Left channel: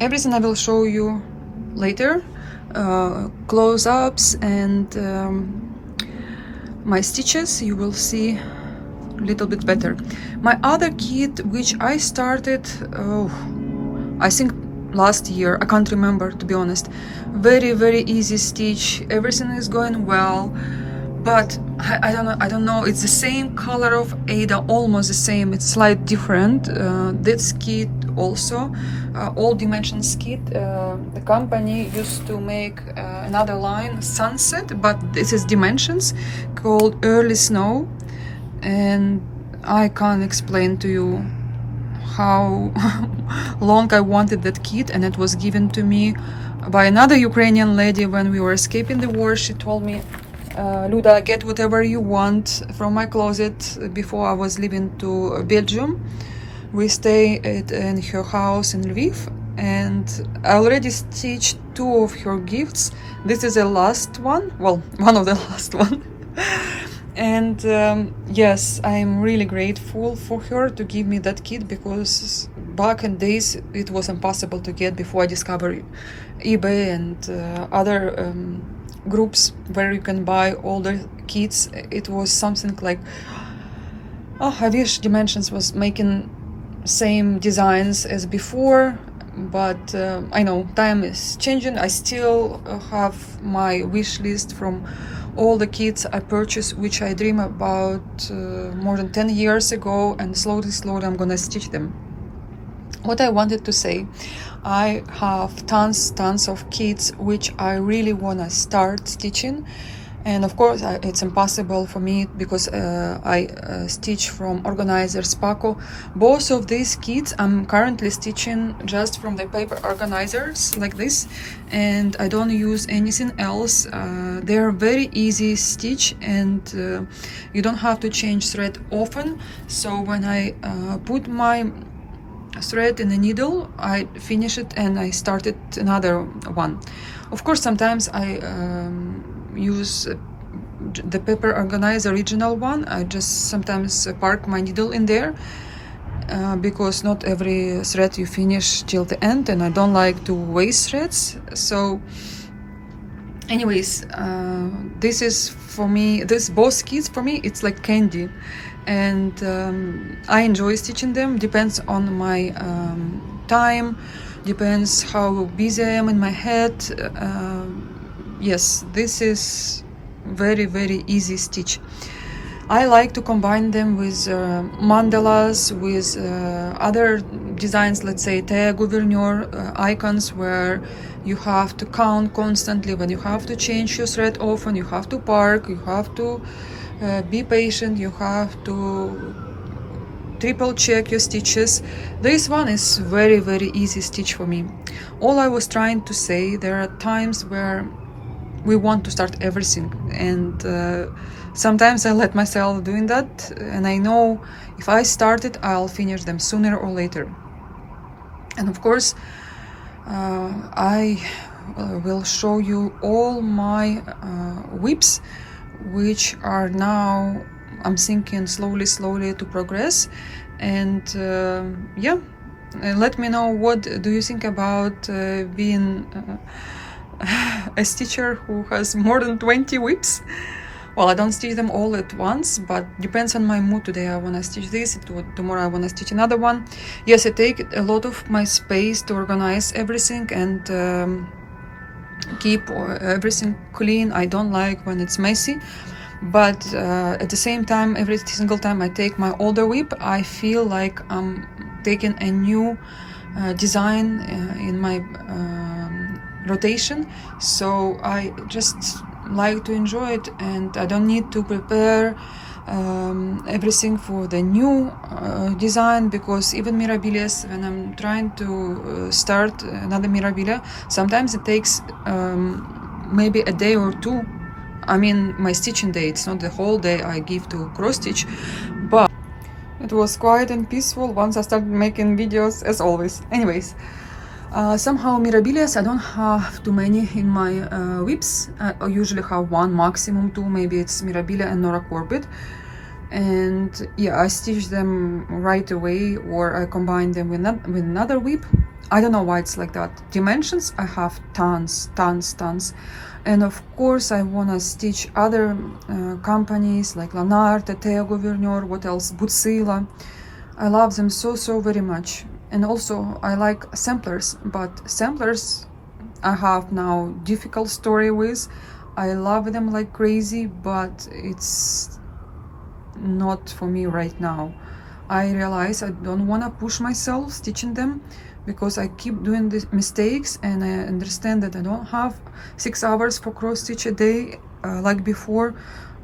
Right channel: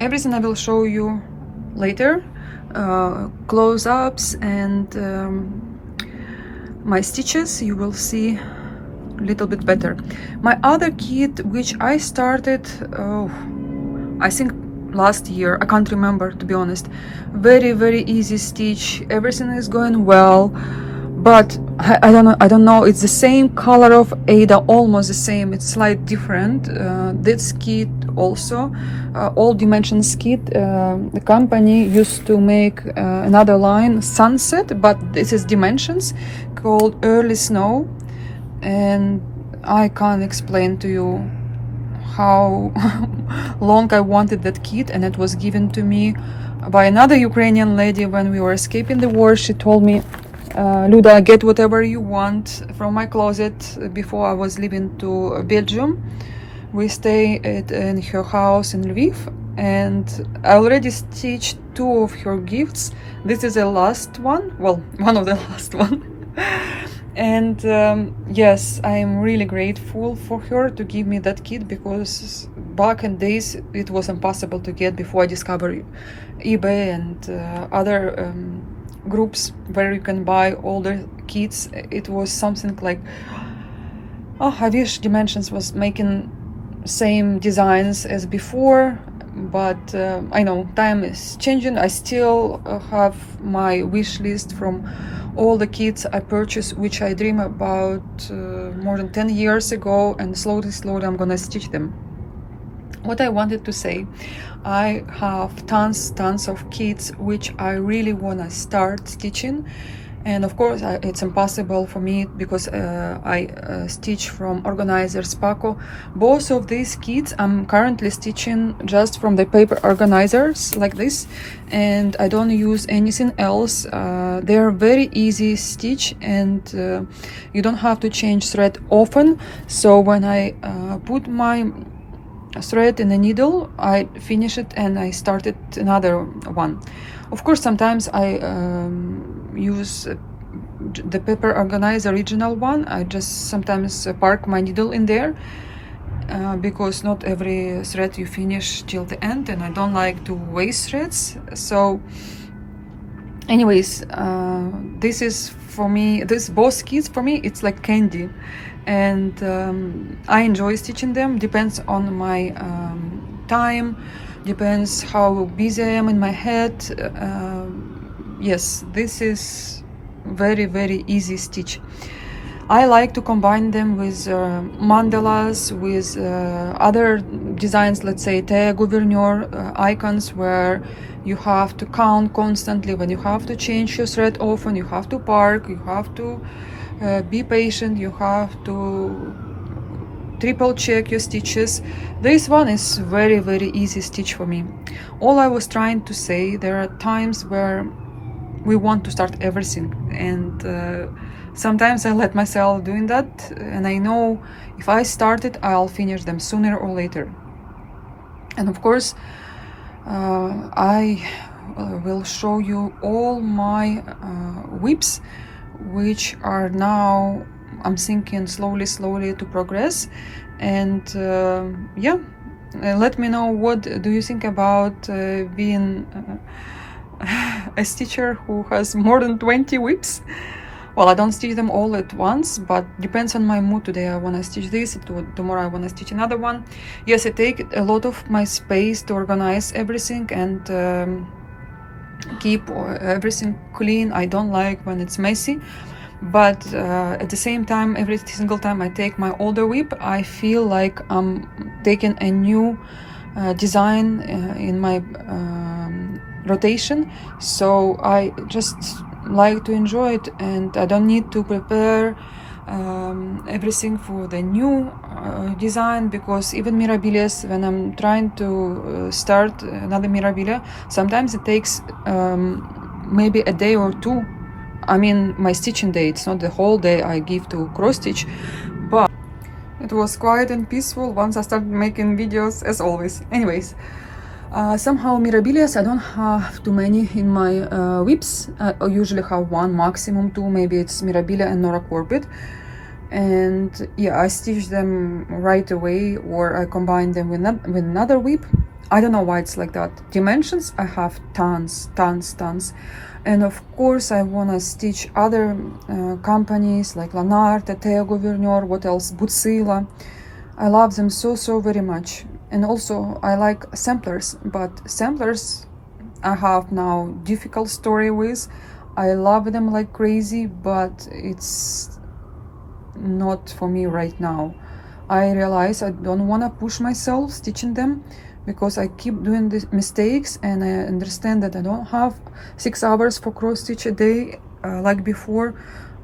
everything I will show you later, close-ups and my stitches, you will see a little bit better. My other kit, which I started, I think last year, I can't remember, to be honest. Very easy stitch, everything is going well, but I don't know, it's the same color of Ada, almost the same, it's slightly different. This kit also, all dimensions kit, the company used to make another line, Sunset, but this is dimensions, called Early Snow, and I can't explain to you how long I wanted that kit, and it was given to me by another Ukrainian lady when we were escaping the war. She told me, Luda, get whatever you want from my closet. Before I was leaving to Belgium, we stay in her house in Lviv, and I already stitched 2 of her gifts. This is the last one, well, one of the last one. And yes, I'm really grateful for her to give me that kit, because back in days it was impossible to get before I discovered eBay and other groups where you can buy all the kits. It was something like, oh, I wish Dimensions was making same designs as before, but I know time is changing. I still have my wish list from all the kits I purchased, which I dream about more than 10 years ago, and slowly I'm gonna stitch them. What I wanted to say, I have tons of kits which I really wanna start stitching, and of course it's impossible for me because I stitch from organizer Spaco. Both of these kits I'm currently stitching just from the paper organizers like this, and I don't use anything else. They're very easy stitch, and you don't have to change thread often. So when I put my thread in a needle, I finish it and I started another one. Of course, sometimes I use the paper organizer original one. I just sometimes park my needle in there because not every thread you finish till the end, and I don't like to waste threads. So anyways, this is for me, this both kits for me, it's like candy, and I enjoy stitching them. Depends on my time, depends how busy I am in my head. Yes, this is very easy stitch. I like to combine them with mandalas, with other designs, let's say Thea Gouverneur icons, where you have to count constantly, when you have to change your thread often, you have to park, you have to be patient, you have to triple check your stitches. This one is very easy stitch for me. All I was trying to say, there are times where we want to start everything, and sometimes I let myself doing that, and I know if I start it, I'll finish them sooner or later. And of course, I will show you all my whips, which are now, I'm thinking, slowly to progress. And yeah, let me know, what do you think about being a stitcher who has more than 20 whips? Well, I don't stitch them all at once, but depends on my mood. Today I want to stitch this, tomorrow I want to stitch another one. Yes, I take a lot of my space to organize everything and keep everything clean. I don't like when it's messy, but at the same time, every single time I take my older whip, I feel like I'm taking a new design in my rotation. So I just like to enjoy it, and I don't need to prepare everything for the new design, because even Mirabilias, when I'm trying to start another Mirabilia, sometimes it takes maybe a day or two. I mean, my stitching day, it's not the whole day I give to cross stitch, but it was quiet and peaceful once I started making videos, as always. Anyways, somehow Mirabilias, I don't have too many in my whips. I usually have one, maximum two. Maybe it's Mirabilia and Nora Corbett, and yeah, I stitch them right away, or I combine them with another whip. I don't know why it's like that. Dimensions, I have tons. And of course, I want to stitch other companies like Lanard, Teo Gouverneur, what else, Butsila. I love them so very much. And also, I like samplers, but samplers I have now difficult story with. I love them like crazy, but it's not for me right now. I realize I don't want to push myself stitching them because I keep doing these mistakes, and I understand that I don't have 6 hours for cross stitch a day like before,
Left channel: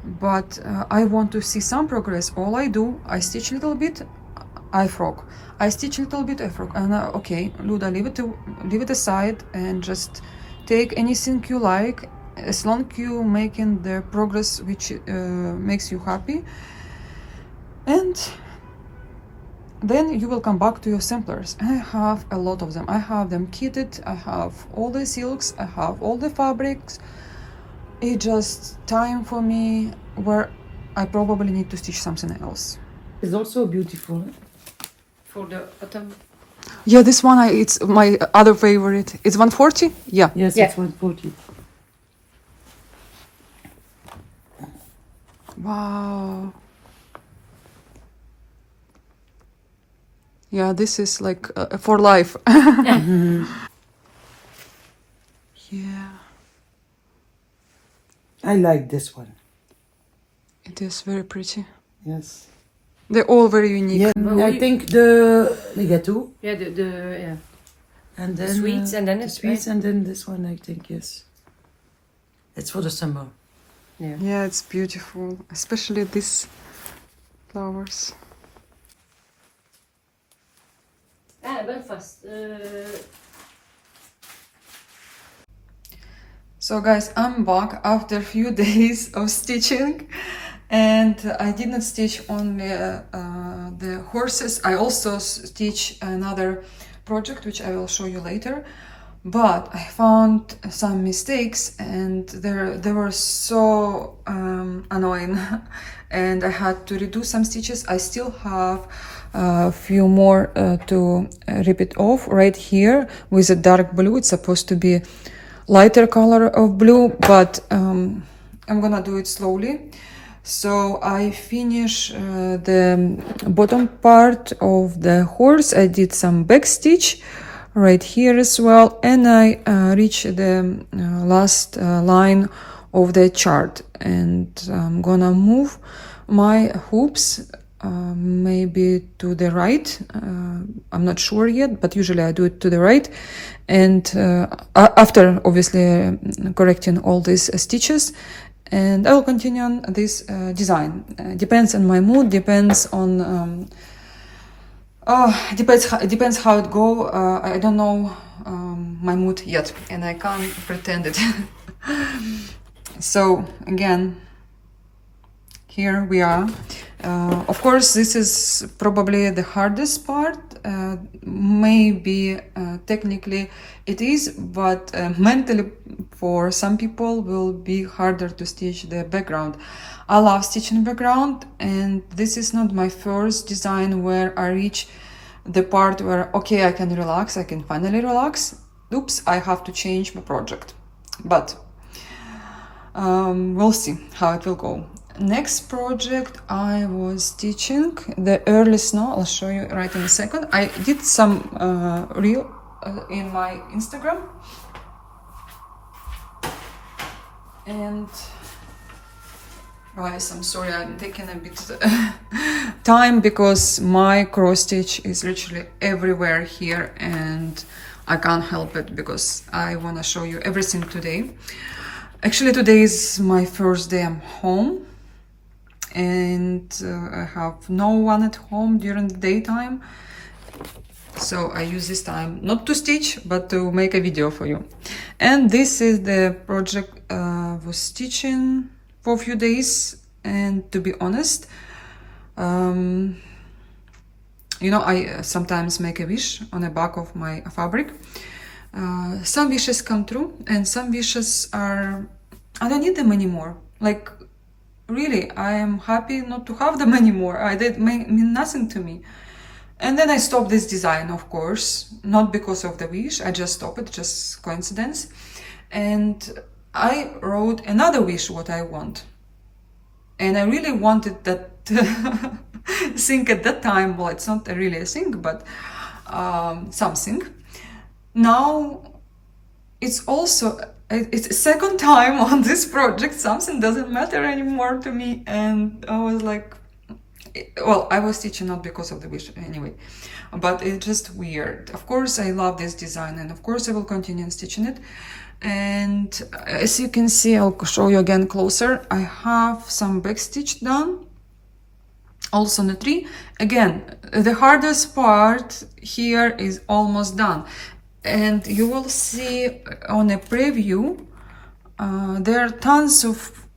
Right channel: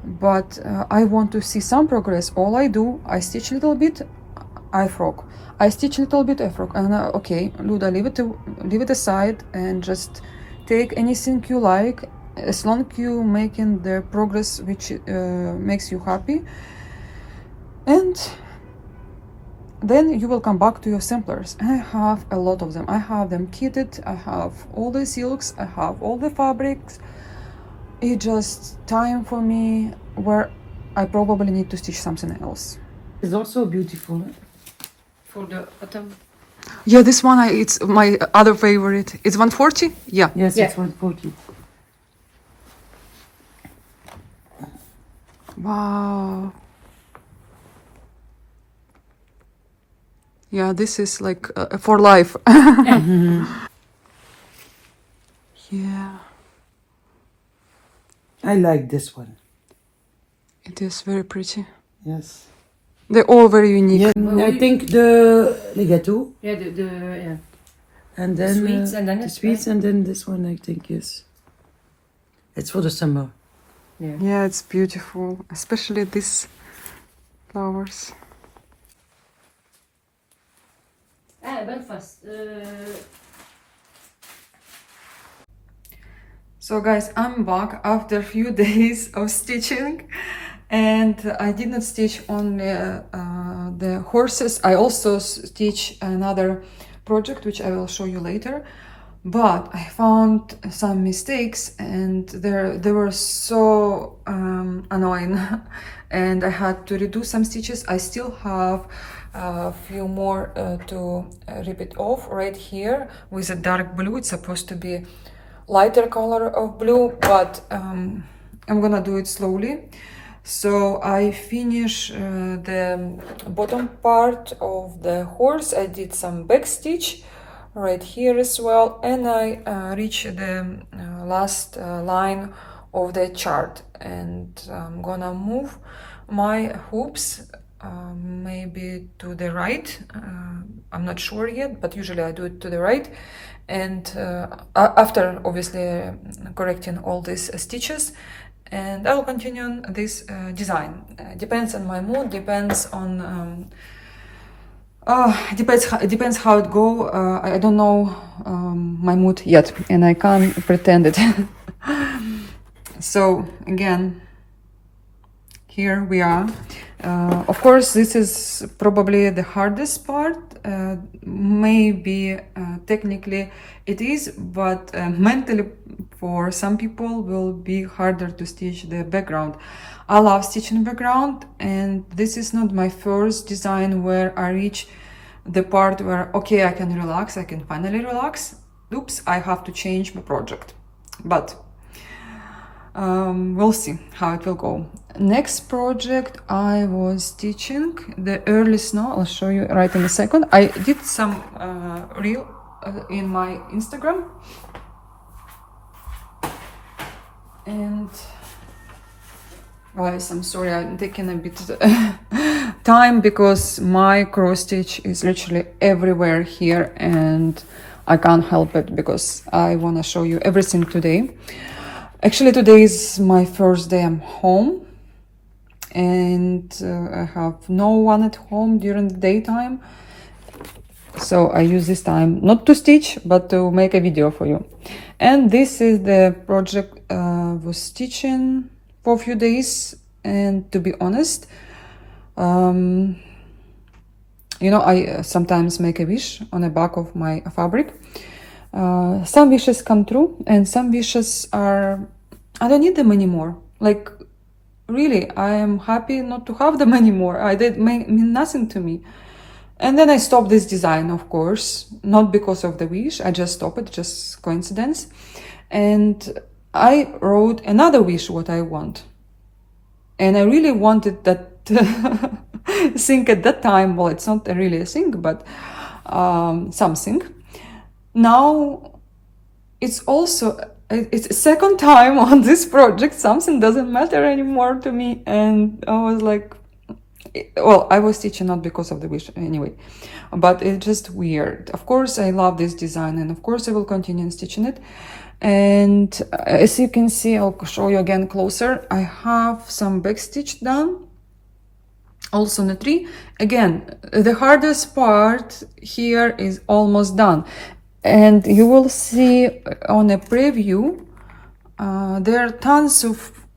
but I want to see some progress. All I do, I stitch a little bit, I frog. I stitch a little bit, I frog. And okay, Luda, leave it aside and just take anything you like, as long as you making the progress which makes you happy. And then you will come back to your samplers. And I have a lot of them. I have them kitted, I have all the silks, I have all the fabrics. It's just time for me where I probably need to stitch something else. It's also beautiful. For the autumn. Yeah, this one, it's my other favorite. It's 140? Yeah. Yes, Yeah. it's 140. Wow. Yeah, this is like for life. Yeah, I like this one. it is very pretty. Yes. They're all very unique. Yeah, Well, I think the gâteau Yeah, the and then sweets and then the it's sweets and then this one I think is. It's for the summer. yeah. Yeah, it's beautiful, especially these flowers. Belfast. So guys, I'm back after a few days of stitching, and I did not stitch only the horses. I also stitch another project which I will show you later, but I found some mistakes and they were so annoying and I had to redo some stitches. I still have a few more to repeat off right here with a dark blue. It's supposed to be lighter color of blue, but I'm gonna do it slowly. So I finish the bottom part of the horse. I did some back stitch right here as well, and I reach the last line of the chart, and I'm gonna move my hoops maybe to the right. I'm not sure yet, but usually I do it to the right. And after obviously correcting all these stitches, and I'll continue on this design. Depends on my mood, depends on depends how it go. I don't know my mood yet, and I can't pretend it. So again, here we are. Of course, this is probably the hardest part. Maybe technically it is, but mentally for some people will be harder to stitch the background. I love stitching background, and this is not my first design where I reach the part where, okay, I can relax, I can finally relax. Oops, I have to change my project. But we'll see how it will go. Next project, I was stitching the early snow. I'll show you right in a second. I did some reel in my Instagram, and guys, I'm sorry, I'm taking a bit time because my cross stitch is literally everywhere here, and I can't help it because I want to show you everything today. Actually, today is my first day I'm home, and I have no one at home during the daytime, so I use this time not to stitch but to make a video for you. And this is the project I was stitching for a few days, and to be honest, you know, I sometimes make a wish on the back of my fabric. Some wishes come true, and some wishes are, I don't need them anymore. Like, really, I am happy not to have them anymore. They mean nothing to me. And then I stopped this design, of course, not because of the wish. I just stopped it, just coincidence. And I wrote another wish what I want. And I really wanted that thing at that time. Well, it's not really a thing, but something. Now it's also it's a second time on this project. Something doesn't matter anymore to me, and I was like, well, I was teaching not because of the wish anyway, but it's just weird. Of course, I love this design, and of course, I will continue stitching it. And as you can see, I'll show you again closer. I have some back stitch done, also on the tree. Again, the hardest part here is almost done, and you will see on a preview there are tons of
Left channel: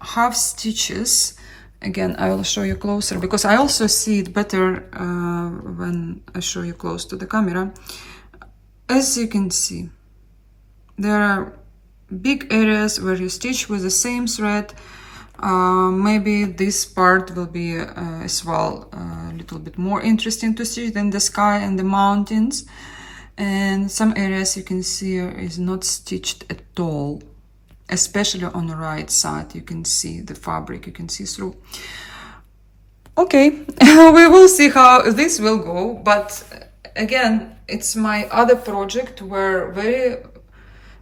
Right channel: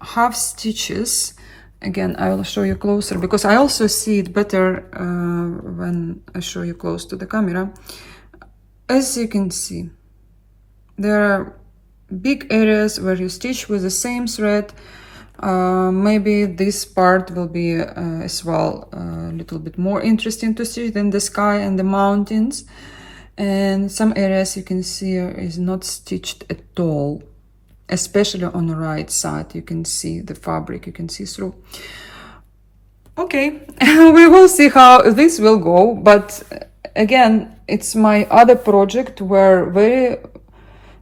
half stitches. Again, I will show you closer because I also see it better when I show you close to the camera. As you can see, there are big areas where you stitch with the same thread. Maybe this part will be as well a little bit more interesting to stitch than the sky and the mountains. And some areas you can see is not stitched at all, especially on the right side. You can see the fabric, you can see through. Okay, we will see how this will go, but again, it's my other project where very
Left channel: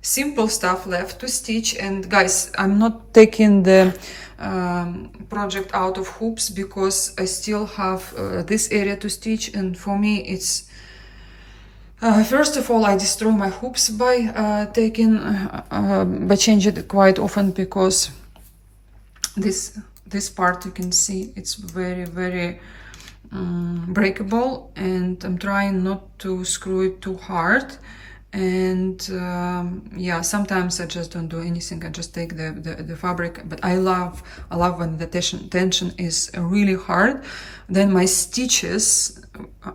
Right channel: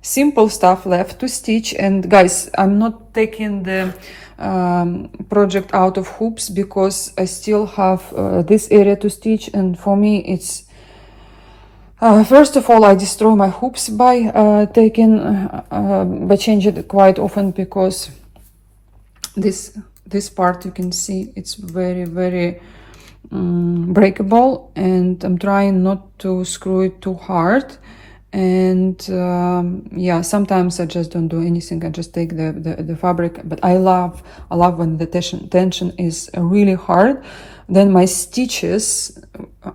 simple stuff left to stitch. And guys, I'm not taking the project out of hoops because I still have this area to stitch, and for me it's first of all, I destroy my hoops by changing it quite often, because this part you can see it's very breakable, and I'm trying not to screw it too hard. And yeah, sometimes I just don't do anything. I just take the fabric. But I love when the tension is really hard. Then my stitches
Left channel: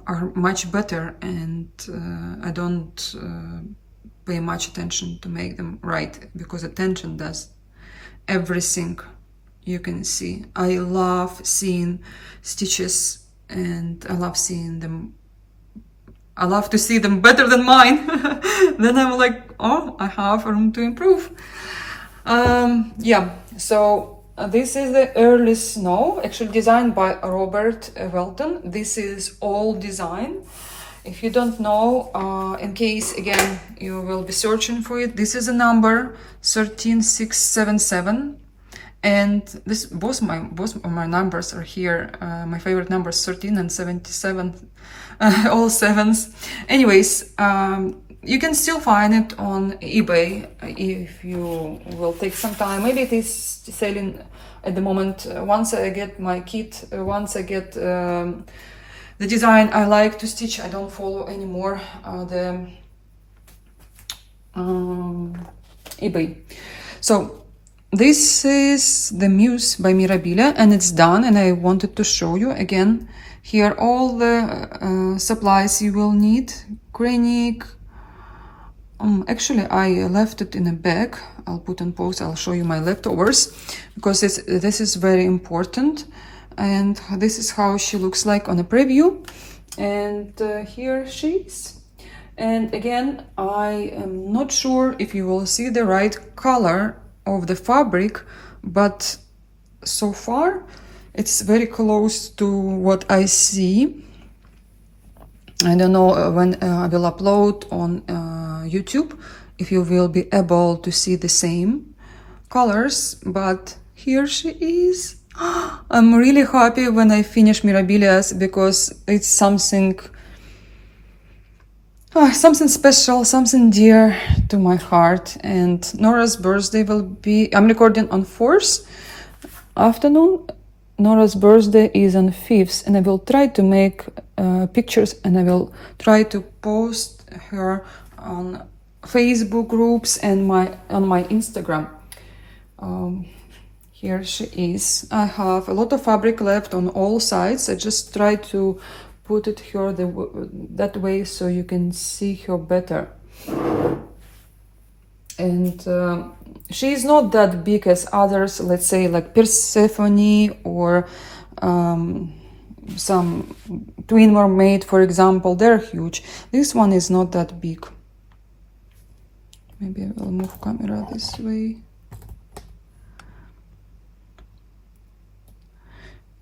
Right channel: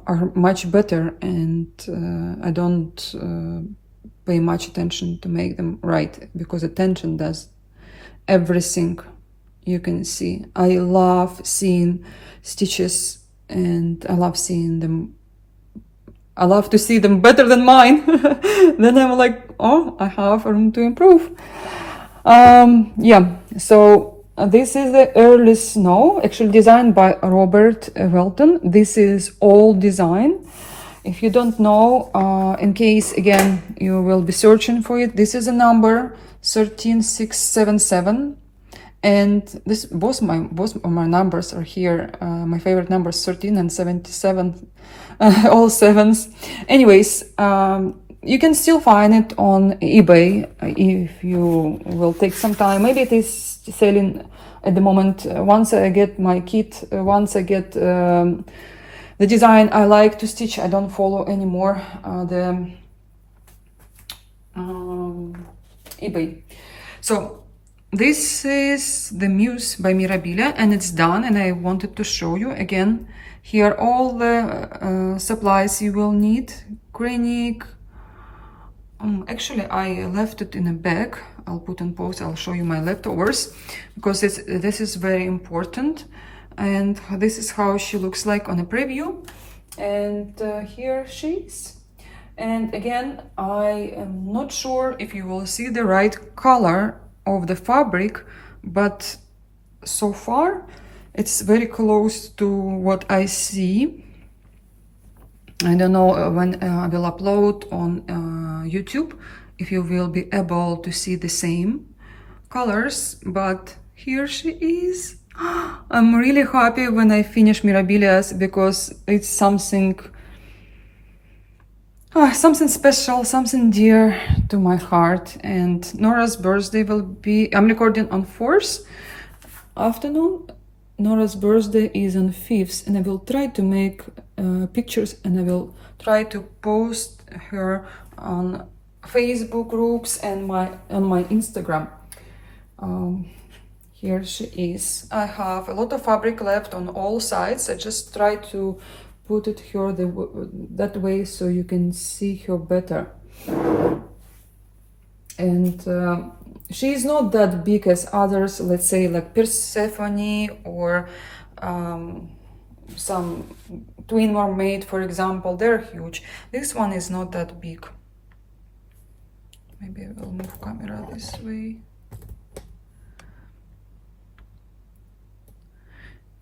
are much better, and I don't pay much attention to make them right, because the tension does everything. You can see I love seeing stitches, and I love seeing them. I love to see them better than mine. Then I'm like, oh, I have room to improve. Yeah, so this is the early snow, actually designed by Robert Welton. This is old design. If you don't know, in case again you will be searching for it, this is a number 13677, and this both of my numbers are here. My favorite numbers 13 and 77, all sevens. Anyways, you can still find it on eBay if you will take some time. Maybe it is selling at the moment. Once I get my kit, once I get the design I like to stitch, I don't follow anymore the eBay. So this is the Muse by Mirabilia, and it's done, and I wanted to show you again here all the supplies you will need. Granic. Actually, I left it in a bag. I'll put on pause. I'll show you my leftovers, because this is very important. And this is how she looks like on a preview. And here she is. And again, I am not sure if you will see the right color of the fabric, but so far it's very close to what I see. I don't know when I will upload on YouTube if you will be able to see the same colors, but here she is. I'm really happy when I finish Mirabilia's, because it's something special, something dear to my heart. And Nora's birthday will be, I'm recording on 4th afternoon. Nora's birthday is on 5th, and I will try to make pictures, and I will try to post her on Facebook groups and on my Instagram. Here she is. I have a lot of fabric left on all sides. I just try to put it here that way so you can see her better. And she is not that big as others, let's say like Persephone or some twin mermaid, for example, they're huge. This one is not that big. Maybe I will move camera this way.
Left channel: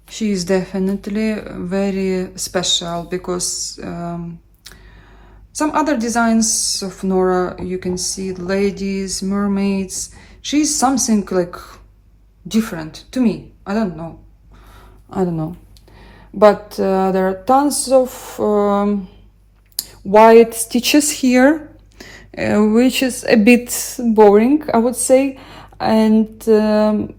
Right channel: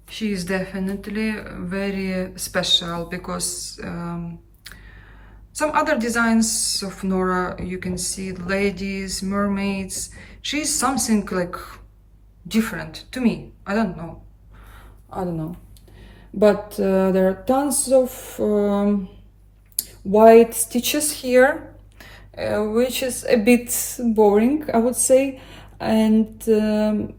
She is definitely very special because some other designs of Nora, you can see ladies, mermaids. She's something like different to me. I don't know. But there are tons of white stitches here, which is a bit boring, I would say. And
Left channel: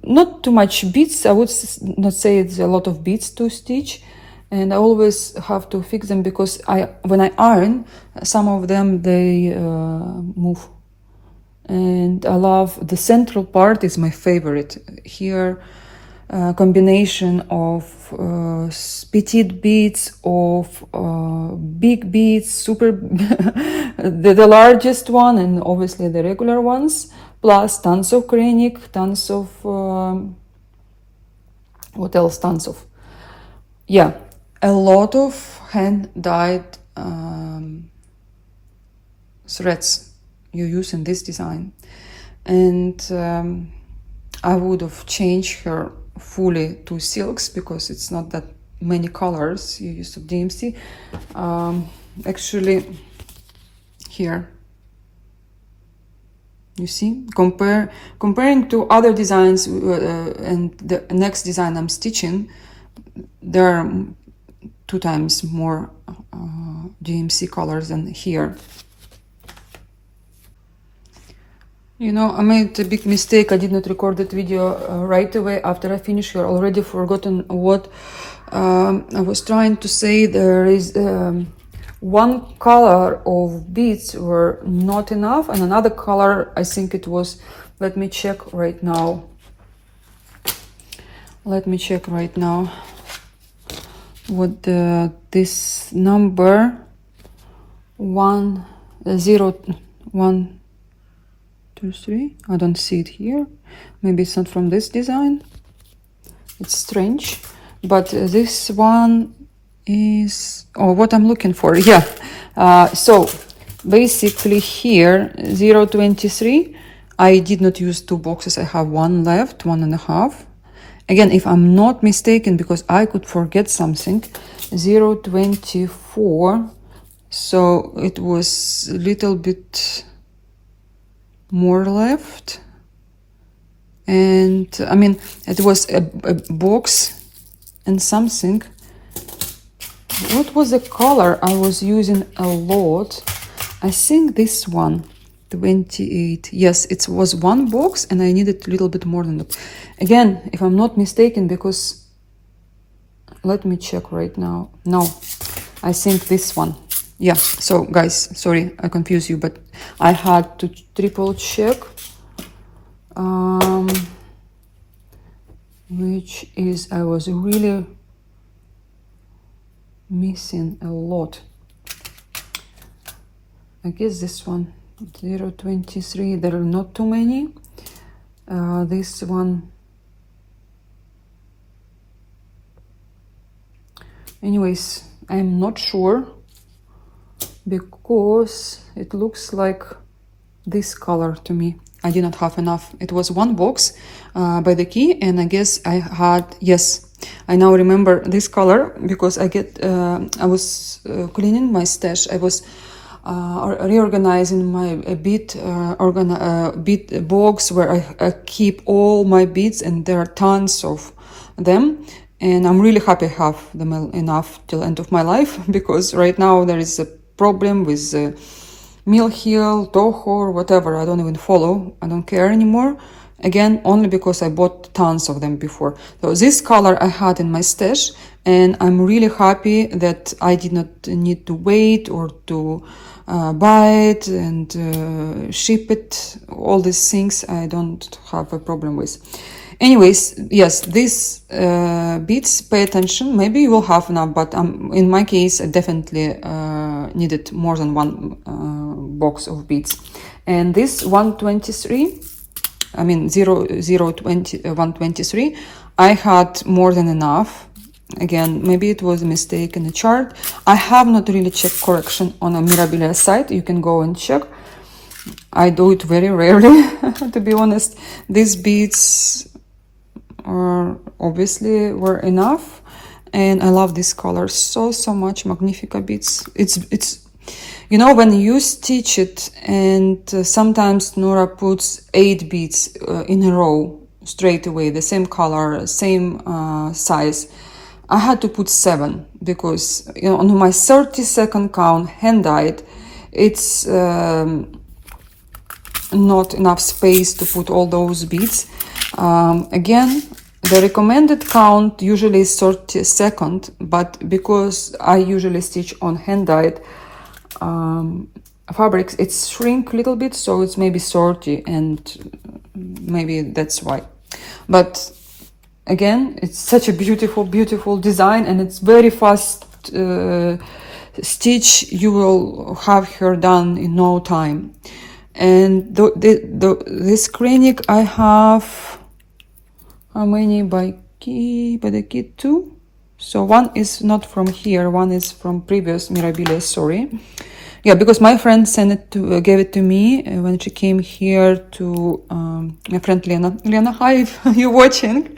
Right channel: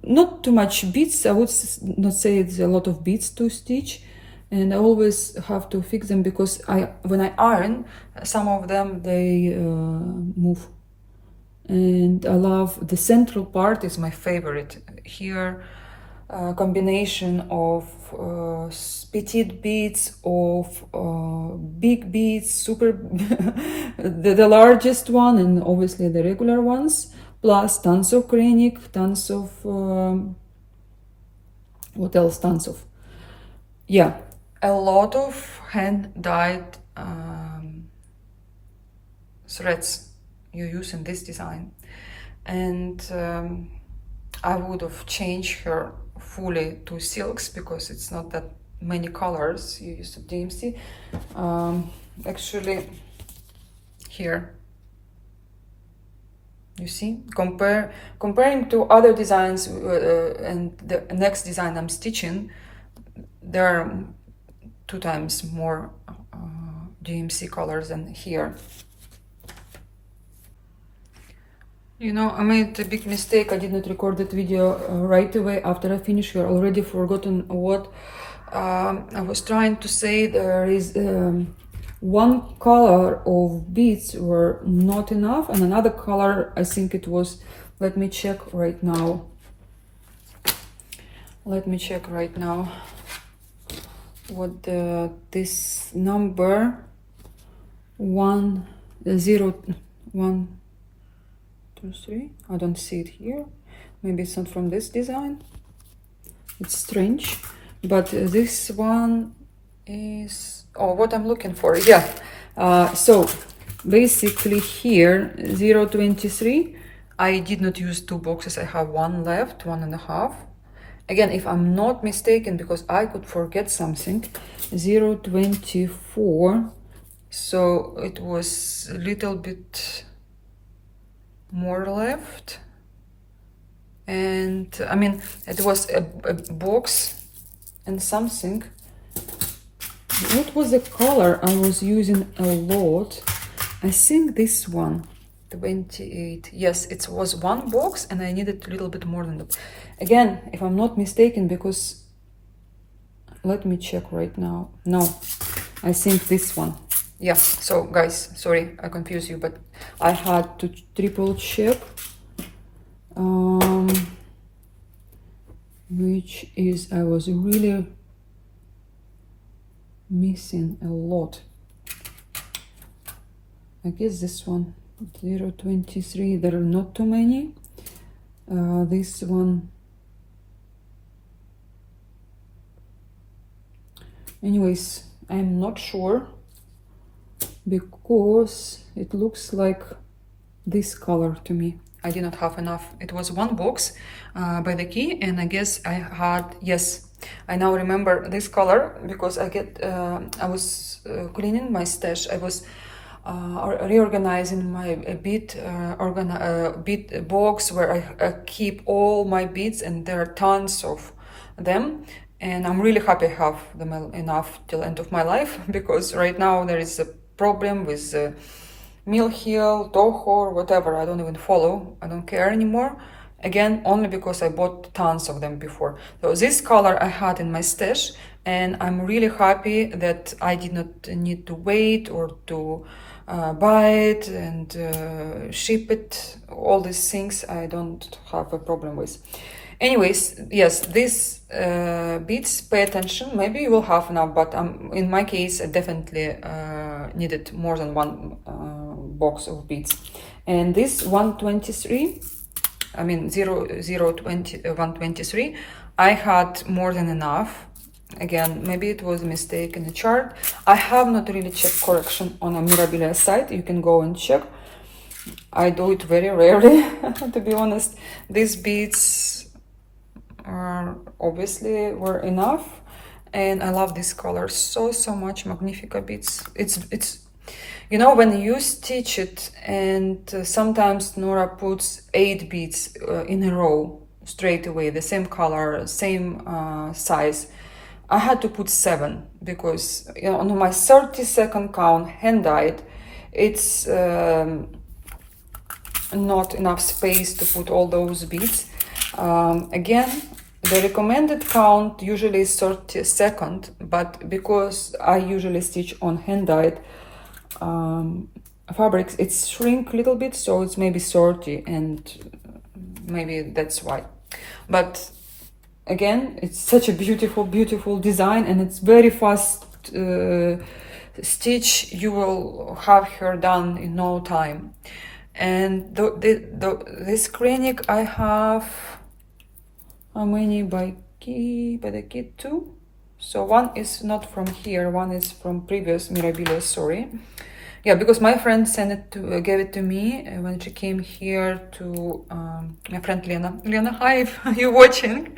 not too much beads. I would not say it's a lot of beads to stitch, and I always have to fix them because when I iron, some of them they move. And I love the central part is my favorite here. Combination of petite beads, of big beads, super the largest one, and obviously the regular ones, plus tons of Kreinik, tons of what else? Tons of, yeah, a lot of hand-dyed threads you use in this design. And I would have changed her fully to silks because it's not that many colors you use of DMC. Actually, here, you see, comparing to other designs and the next design I'm stitching, there are 2 times more DMC colors than here. You know, I made a big mistake. I did not record that video right away after I finished. You're already forgotten what I was trying to say. There is one color of beads were not enough, and another color, I think it was, let me check right now. What this number 101 2, 3. I don't see it here. Maybe it's not from this design. It's strange. But this one is what I'm looking for. Yeah. So basically here 0.23. I did not use 2 boxes. I have 1 left, 1.5. Again, if I'm not mistaken, because I could forget something, 0.24. So it was a little bit more left, and I mean it was a box and something. What was the color I was using a lot? I think this one, 28. Yes, it was 1 box and I needed a little bit more than that. Again, if I'm not mistaken, because let me check right now. No, I think this one. Yeah, so guys, sorry I confused you, but I had to triple check, which is, I was really missing a lot. I guess this one, 0.23, there are not too many. This one, anyways, I'm not sure, because it looks like this color to me. I did not have enough. It was 1 box by the key, and I guess I had, yes, I now remember this color because I was cleaning my stash. I was reorganizing my bead box where I keep all my beads, and there are tons of them. And I'm really happy I have them enough till the end of my life, because right now there is a problem with Mill Hill, Toho, or whatever. I don't even follow. I don't care anymore. Again, only because I bought tons of them before. So this color I had in my stash, and I'm really happy that I did not need to wait or to buy it and ship it. All these things I don't have a problem with. Anyways, yes, these beads, pay attention. Maybe you will have enough, but in my case, I definitely needed more than 1 box of beads. And this 123, I mean 123, I had more than enough. Again, maybe it was a mistake in the chart. I have not really checked correction on a Mirabilia site. You can go and check. I do it very rarely, to be honest. These beads are obviously were enough, and I love this color so much. Magnifica beads. It's you know, when you stitch it, and sometimes Nora puts 8 beads in a row straight away, the same color, same size. I had to put 7 because, you know, on my 30-second count, hand-dyed, it's not enough space to put all those beads. Again, the recommended count usually is 30-second, but because I usually stitch on hand-dyed fabrics, it's shrink a little bit, so it's maybe 30, and maybe that's why. But again, it's such a beautiful design, and it's very fast stitch. You will have her done in no time. And this cranic I have, how many by the kit? 2. So one is not from here, one is from previous Mirabilia, sorry. Yeah, because my friend sent it to, gave it to me when she came here to my friend Lena. Lena, hi, if you're watching.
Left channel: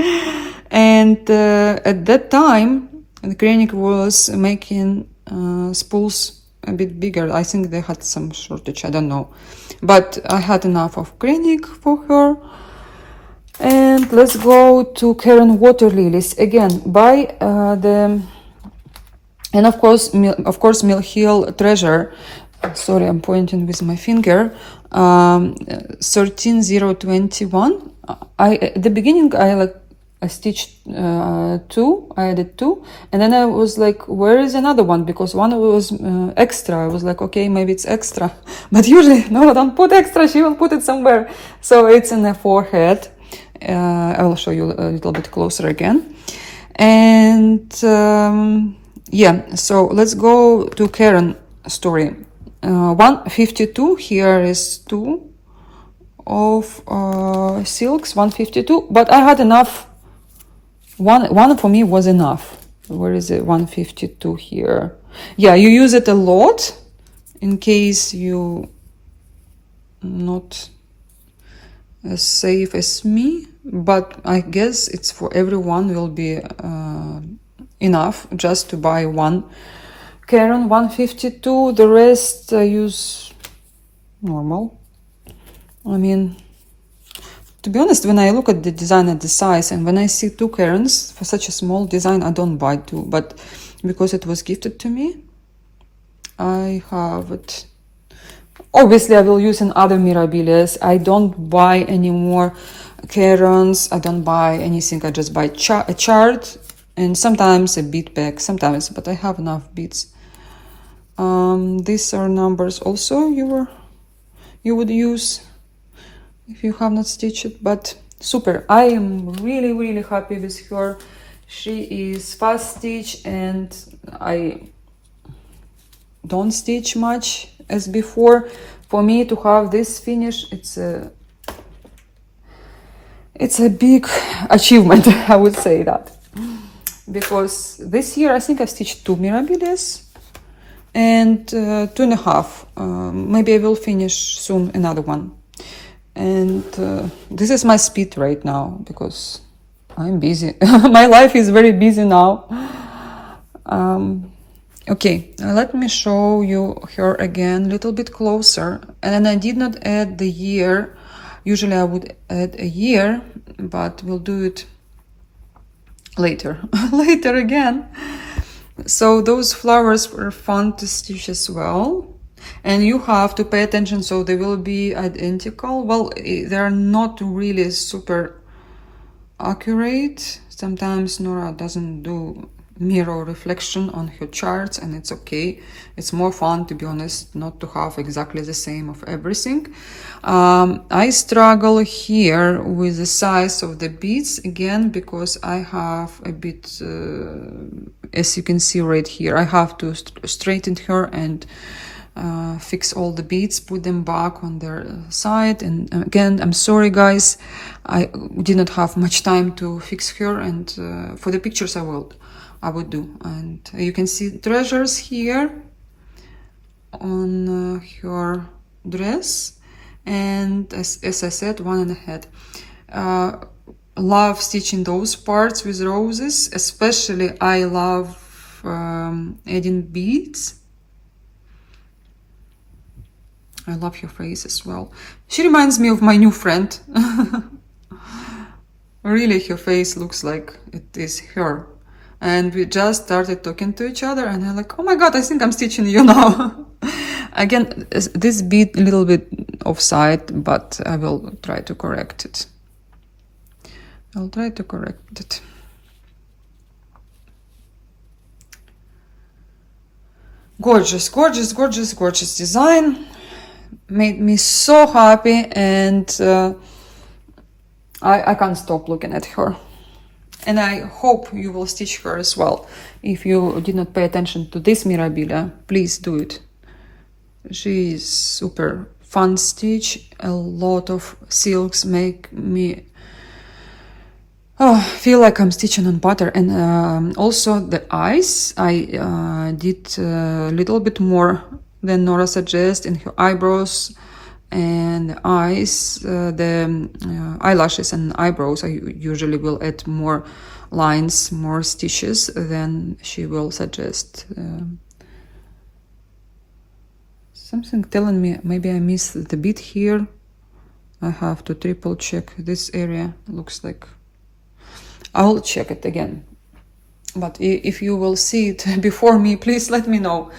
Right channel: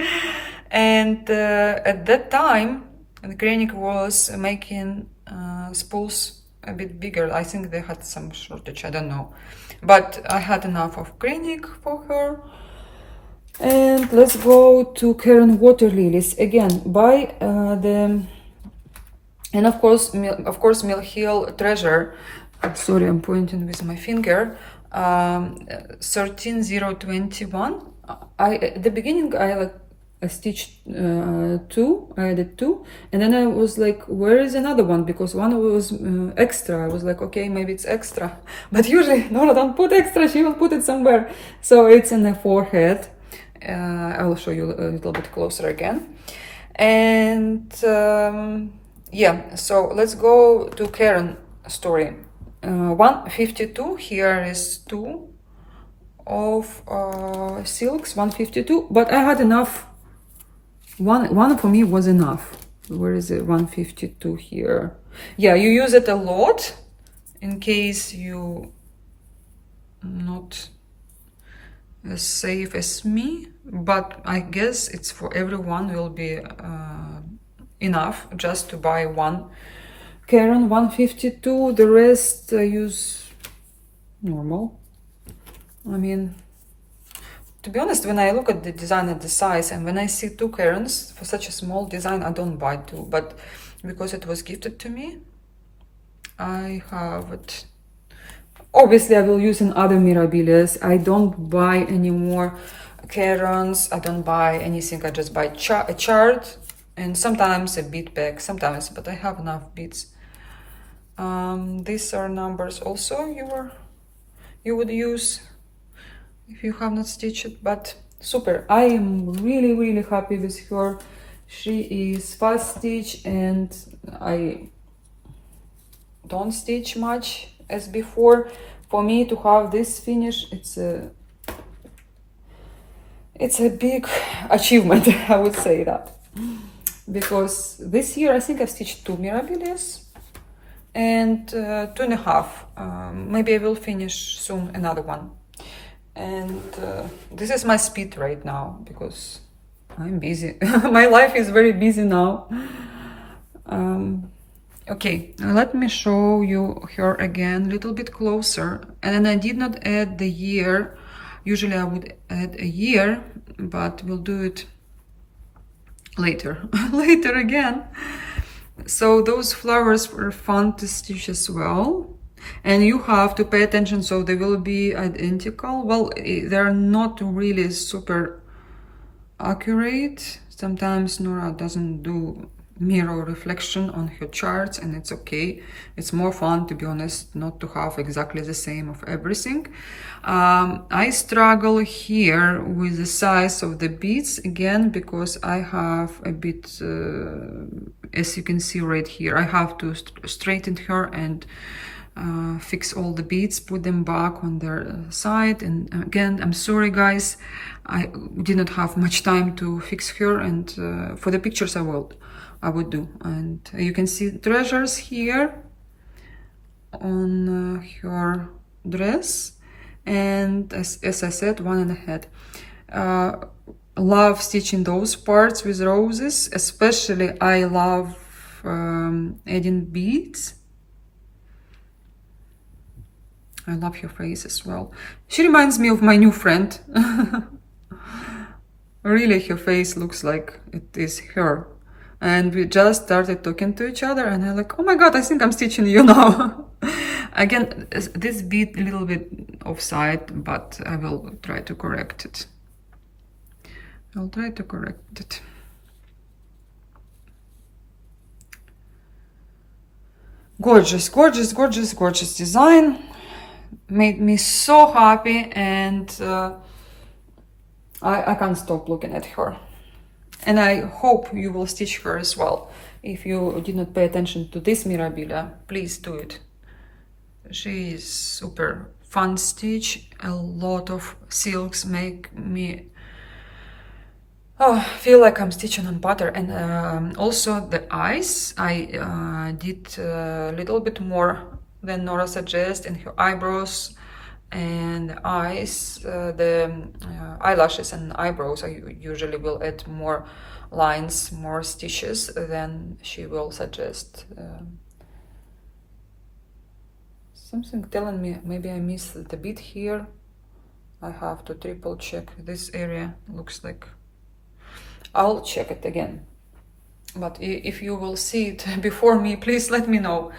And at that time, the cranic was making spools a bit bigger. I think they had some shortage, I don't know. But I had enough of cranic for her. And let's go to Karen Water Lilies again by and of course Mill Hill Treasure. Sorry, I'm pointing with my finger. 13021. At the beginning I stitched 2. I added 2, and then I was like, where is another one? Because one was extra. I was like, okay, maybe it's extra. But usually, no, don't put extra. She will put it somewhere. So it's in the forehead. I will show you a little bit closer again. And yeah, so let's go to Karen story. 152. Here is 2 of silks. 152. But I had enough. One for me was enough. Where is it? 152 here. Yeah, you use it a lot in case you not as safe as me, but I guess it's for everyone will be enough just to buy one. Karen 152. The rest I use normal. I mean, to be honest, when I look at the design at the size, and when I see 2 Karens for such a small design, I don't buy 2. But because it was gifted to me, I have it. Obviously, I will use in other Mirabilias. I don't buy any more Karens. I don't buy anything. I just buy a chart and sometimes a bead pack. Sometimes, but I have enough beads. These are numbers also you would use if you have not stitched it, but super. I am really happy with her. She is fast stitch, and I don't stitch much as before. For me to have this finish, it's a big achievement. I would say that, because this year I think I stitched 2 Mirabilias and 2.5. Maybe I will finish soon another one. And this is my speed right now because I'm busy. My life is very busy now. Okay, let me show you her again a little bit closer. And then I did not add the year. Usually I would add a year, but we'll do it later. Later again. So those flowers were fun to stitch as well. And you have to pay attention, so they will be identical. Well, they are not really super accurate. Sometimes Nora doesn't do mirror reflection on her charts, and it's okay. It's more fun, to be honest, not to have exactly the same of everything. I struggle here with the size of the beads again, because I have a bit, as you can see right here, I have to straighten her and fix all the beads, put them back on their side. And again, I'm sorry guys, I did not have much time to fix her, and for the pictures I will. I would do. And you can see treasures here on her dress, and as I said, one in the head. Love stitching those parts with roses, especially I love adding beads. I love her face as well. She reminds me of my new friend. Really, her face looks like it is her. And we just started talking to each other, and I'm like, oh my god, I think I'm stitching you now. Again, this bead a little bit offside, but I will try to correct it. I'll try to correct it. Gorgeous, gorgeous, gorgeous, gorgeous design. Made me so happy, and I can't stop looking at her. And I hope you will stitch her as well. If you did not pay attention to this Mirabilia, please do it. She is super fun stitch. A lot of silks make me feel like I'm stitching on butter. And also the eyes, I did a little bit more than Nora suggests in her eyebrows and eyes. The eyelashes and eyebrows, I usually will add more lines, more stitches than she will suggest. Something telling me maybe I missed the bead here. I have to triple check. This area looks like I'll check it again. But if you will see it before me, please let me know.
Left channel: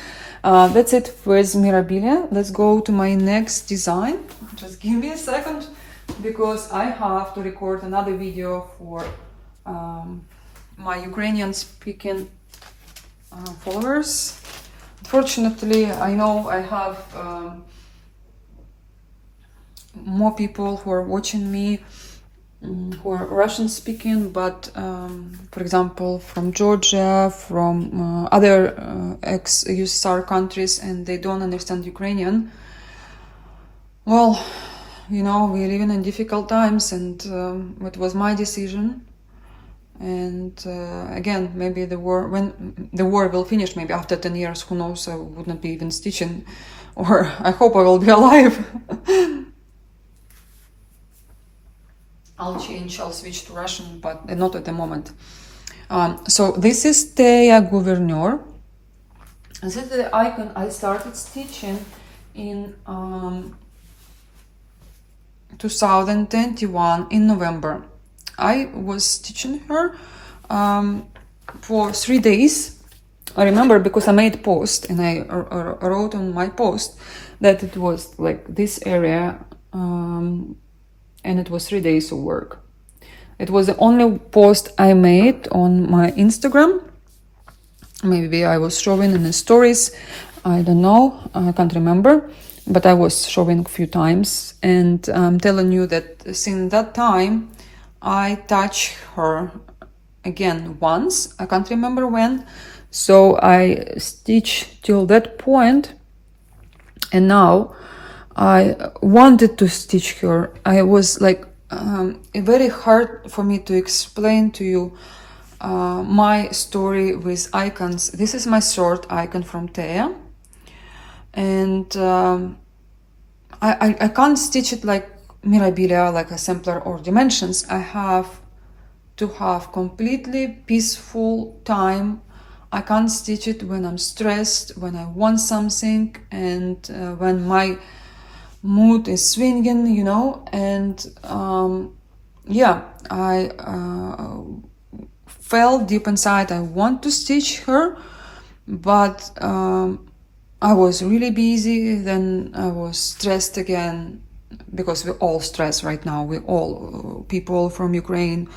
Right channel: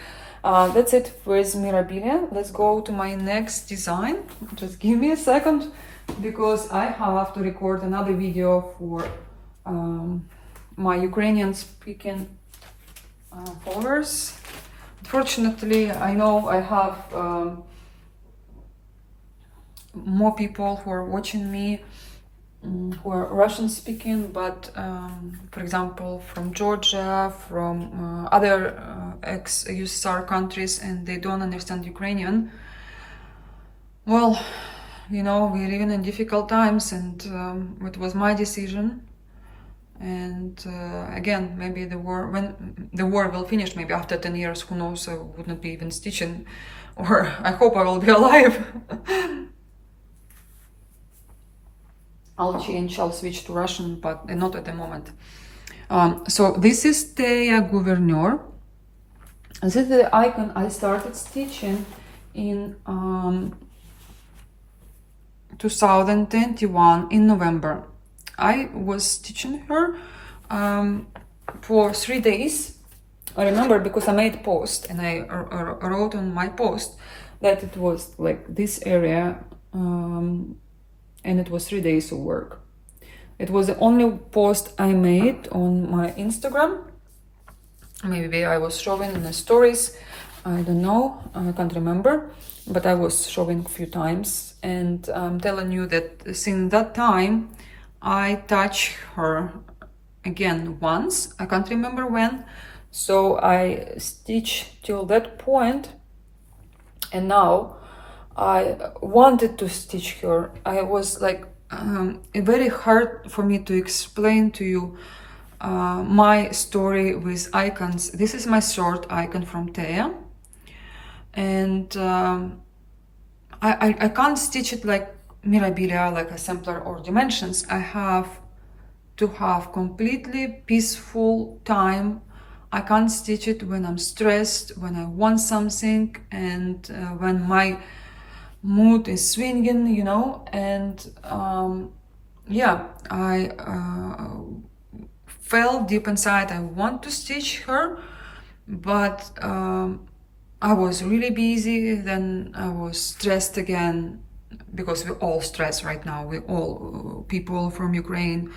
That's it with Mirabilia. Let's go to my next design. Just give me a second, because I have to record another video for my Ukrainian speaking followers. Unfortunately, I know I have more people who are watching me who are Russian speaking, but for example from Georgia, from other ex-USSR countries, and they don't understand Ukrainian. Well, you know, we're living in difficult times, and it was my decision. And again, maybe the war, when the war will finish, maybe after 10 years, who knows, I would not be even stitching, or I hope I will be alive. I'll switch to Russian, but not at the moment. So this is Teia Gouverneur. This is the icon I started stitching in 2021 in November. I was stitching her for 3 days. I remember because I made a post, and I wrote on my post that it was like this area, and it was 3 days of work. It was the only post I made on my Instagram. Maybe I was showing in the stories, I don't know, I can't remember, but I was showing a few times. And I'm telling you that since that time I touched her again once, I can't remember when. So I stitched till that point, and now I wanted to stitch her. I was like, very hard for me to explain to you my story with icons. This is my short icon from Teia, and I can't stitch it like Mirabilia, like a sampler or dimensions. I have to have completely peaceful time. I can't stitch it when I'm stressed, when I want something, and when my mood is swinging, you know. And yeah, I felt deep inside I want to stitch her, but I was really busy. Then I was stressed again, because we all stress right now. We all, people from Ukraine,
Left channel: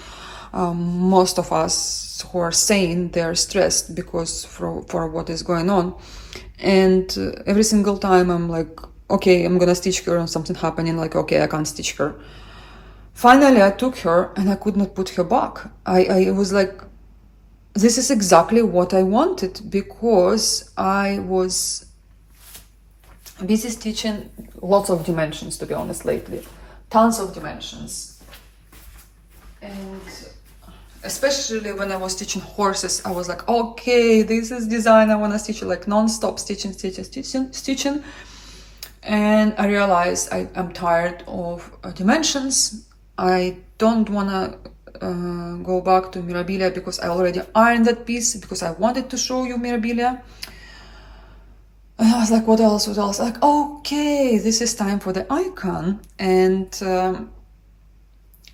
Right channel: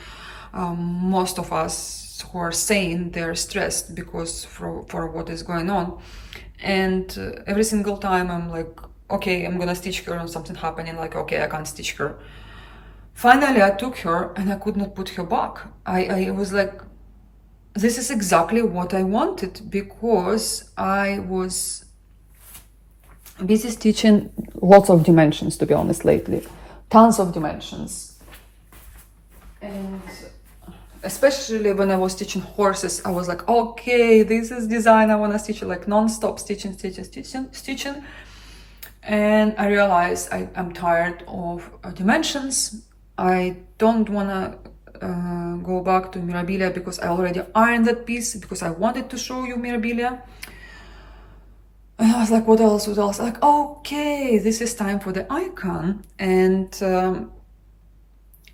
most of us who are sane, they're stressed because for what is going on. And every single time I'm like, okay, I'm gonna stitch her, and something happening, like, okay, I can't stitch her. Finally, I took her and I could not put her back. I was like, this is exactly what I wanted, because I was busy stitching lots of dimensions, to be honest, lately. Tons of dimensions. And especially when I was stitching horses, I was like, okay, this is design I want to stitch, like non-stop stitching. And I realized I'm tired of dimensions. I don't want to go back to Mirabilia because I already ironed that piece, because I wanted to show you Mirabilia. And I was like, what else? Like, okay, this is time for the icon. And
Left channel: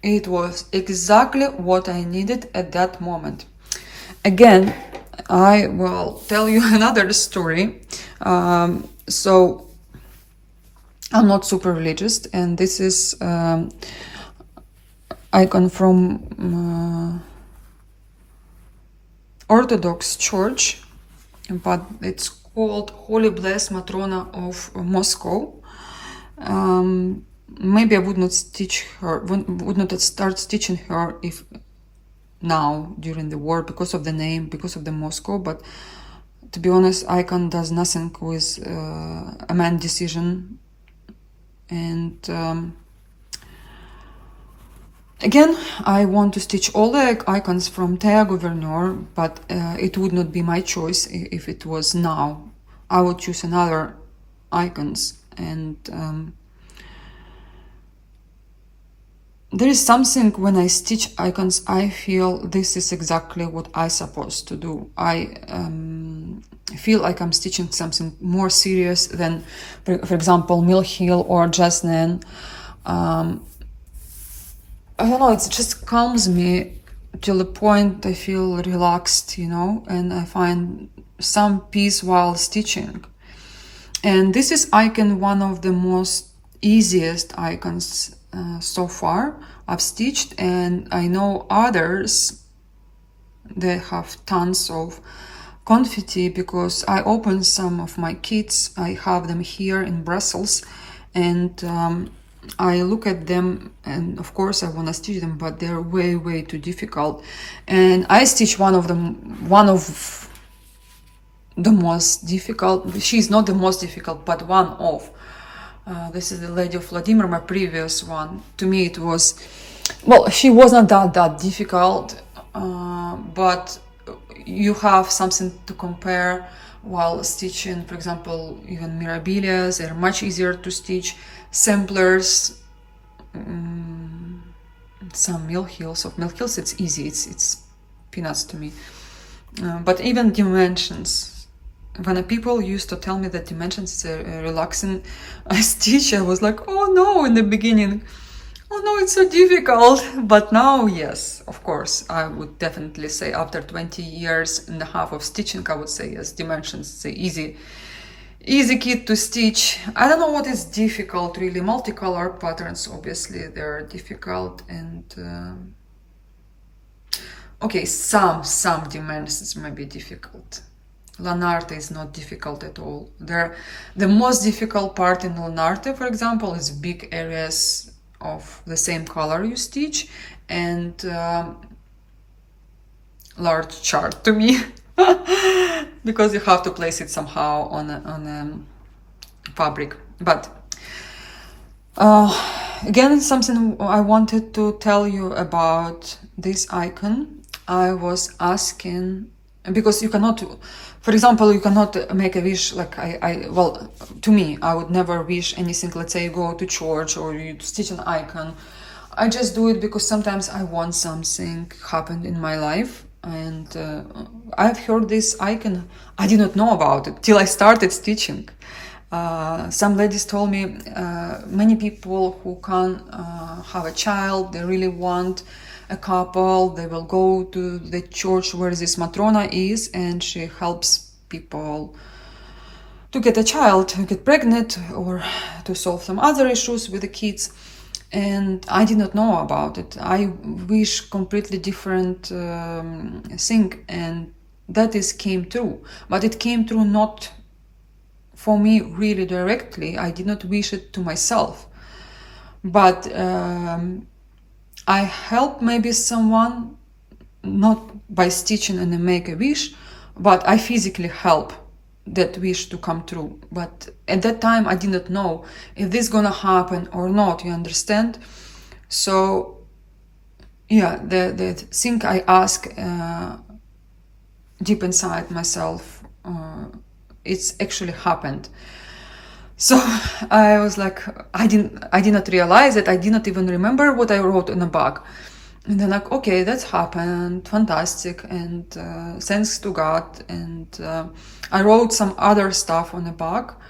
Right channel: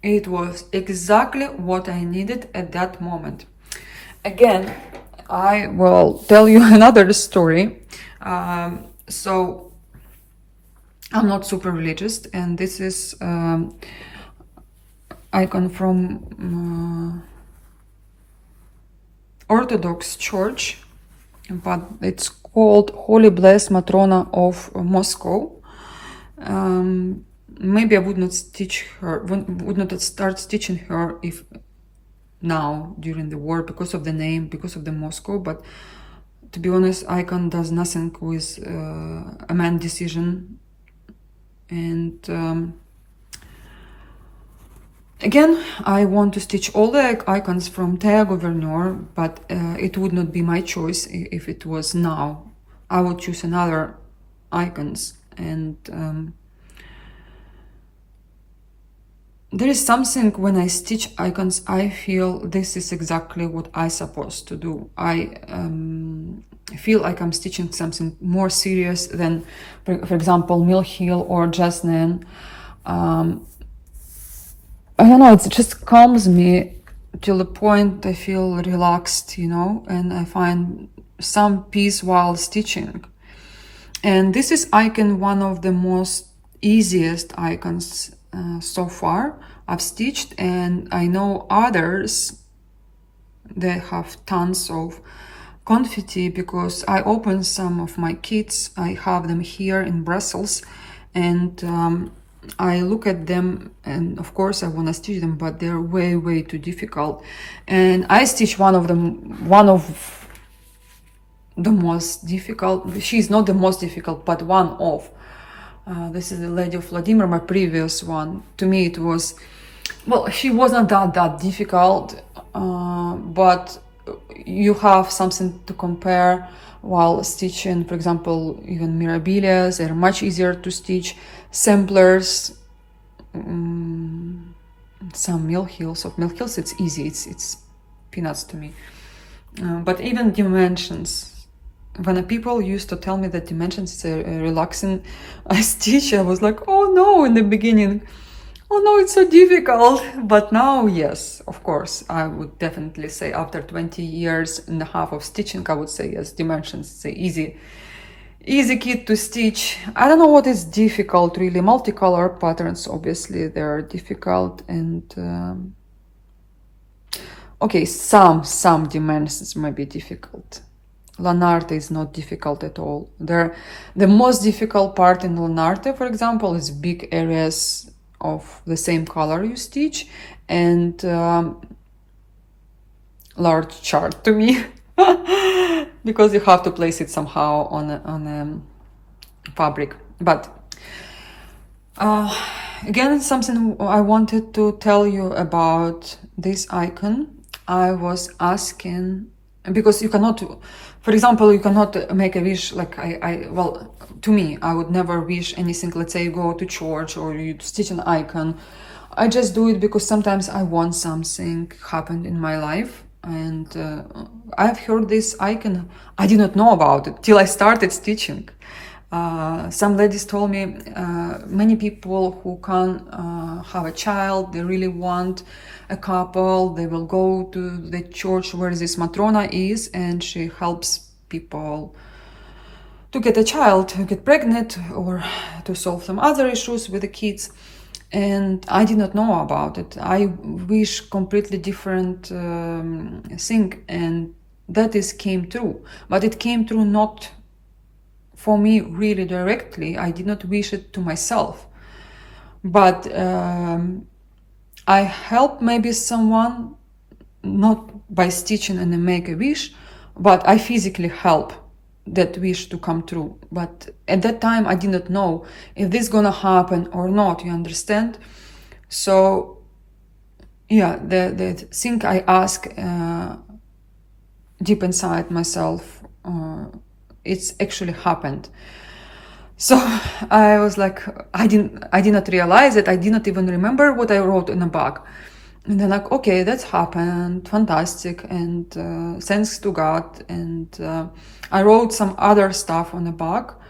it was exactly what I needed at that moment. Again, I will tell you another story. So I'm not super religious, and this is icon from Orthodox Church, but it's called Holy Blessed Matrona of Moscow. Maybe I would not stitch her, would not start stitching her if now during the war, because of the name, because of the Moscow. But to be honest, icon does nothing with a man's decision. And again, I want to stitch all the icons from Thea Gouverneur, but it would not be my choice if it was now. I would choose another icons. And there is something when I stitch icons, I feel this is exactly what I'm supposed to do. I feel like I'm stitching something more serious than, for example, Mill Hill or Jasmine. I don't know, it just calms me till the point I feel relaxed, you know, and I find some peace while stitching. And this is icon, one of the most easiest icons so far I've stitched, and I know others they have tons of confetti because I opened some of my kits. I have them here in Brussels, and I look at them, and of course I want to stitch them, but they're way too difficult. And I stitch one of the most difficult. She's not the most difficult, but one of. This is the Lady of Vladimir, my previous one. To me it was, well, she wasn't that difficult, but you have something to compare while stitching. For example, even Mirabilias, they're much easier to stitch. Samplers, some Mill Hills. Of Mill Hills, it's easy, it's peanuts to me. But even dimensions. When people used to tell me that dimensions is a relaxing stitch, I was like, oh no, in the beginning. Oh no, it's so difficult. But now, yes, of course, I would definitely say after 20 years and a half of stitching, I would say yes, dimensions is an easy kit to stitch. I don't know what is difficult really. Multicolor patterns, obviously, they're difficult. And okay, some dimensions may be difficult. Lanarte is not difficult at all. The most difficult part in Lanarte, for example, is big areas of the same color you stitch, and large chart to me, because you have to place it somehow on a fabric. But again, something I wanted to tell you about this icon. I was asking, because you cannot, for example, you cannot make a wish like well, to me, I would never wish anything. Let's say you go to church or you stitch an icon. I just do it because sometimes I want something happened in my life. And I've heard this icon. I did not know about it till I started stitching. Some ladies told me many people who can have a child, they really want a couple, they will go to the church where this Matrona is, and she helps people to get a child, to get pregnant, or to solve some other issues with the kids. And I did not know about it. I wish completely different thing, and that came true. But it came true not for me really directly. I did not wish it to myself. But I help maybe someone, not by stitching and make a wish, but I physically help that wish to come true. But at that time I did not know if this gonna happen or not, you understand? So yeah, the thing I ask deep inside myself, it's actually happened. So I was like, I did not realize it. I did not even remember what I wrote in the book. And then like, okay, that's happened, fantastic, and thanks to God. And I wrote some other stuff on the book,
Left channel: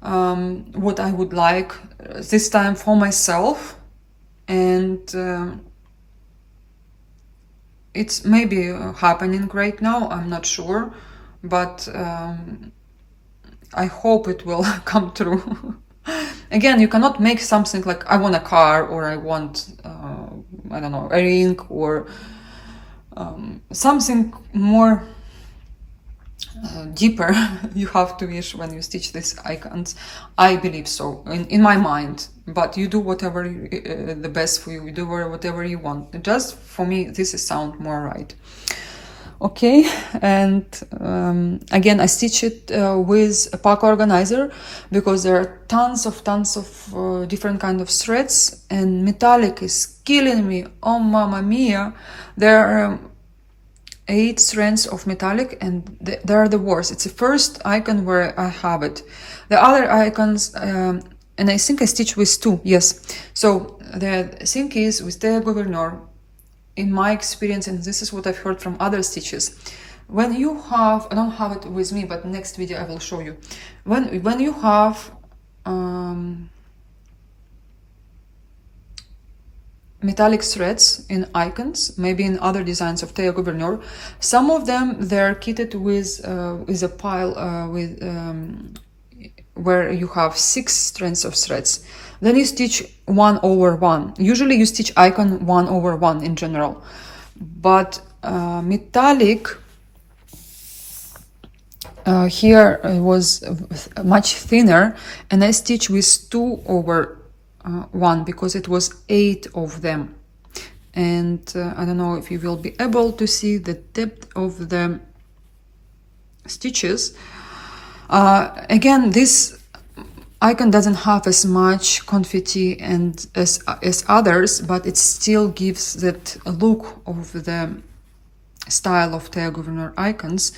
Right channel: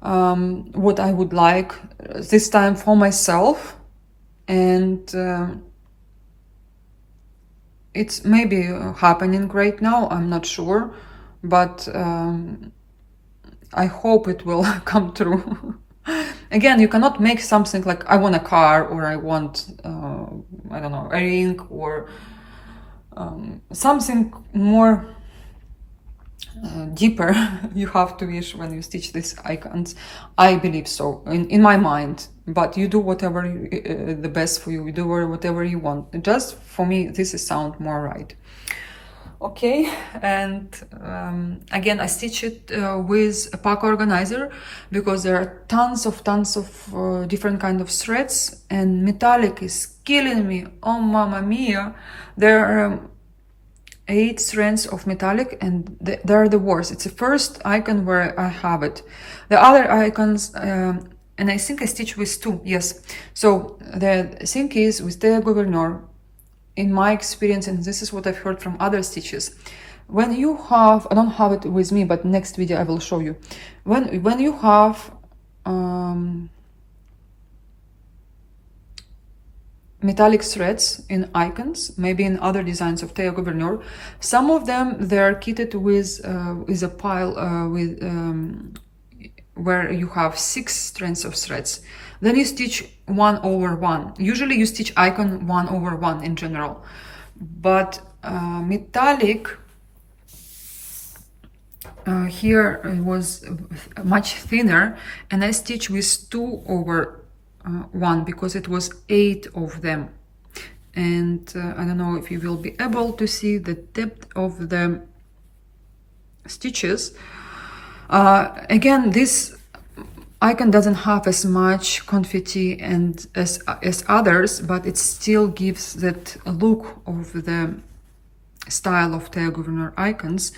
what I would like this time for myself, and it's maybe happening right now. I'm not sure, but I hope it will come true. Again, you cannot make something like I want a car or I want, I don't know, a ring or something more deeper. You have to wish when you stitch these icons. I believe so, in my mind. But you do whatever the best for you. You do whatever you want. Just for me, this is sound more right. Okay, and again, I stitch it with a pack organizer because there are tons of different kind of threads, and metallic is killing me. Oh, mamma mia! There are 8 strands of metallic, and they're the worst. It's the first icon where I have it. The other icons, and I think I stitch with 2. Yes. So the thing is with the Gouverneur, in my experience, and this is what I've heard from other stitches, when you have, I don't have it with me, but next video I will show you. When you have metallic threads in icons, maybe in other designs of Théa Gouverneur, some of them they're kitted with a pile where you have 6 strands of threads. Then you stitch 1/1. Usually you stitch icon 1/1 in general, but metallic here was much thinner, and I stitch with 2/1 because it was 8 of them. And I don't know if you will be able to see the depth of the stitches. Again, this icon doesn't have as much confetti and as others, but it still gives that look of the style of Théa Gouverneur icons,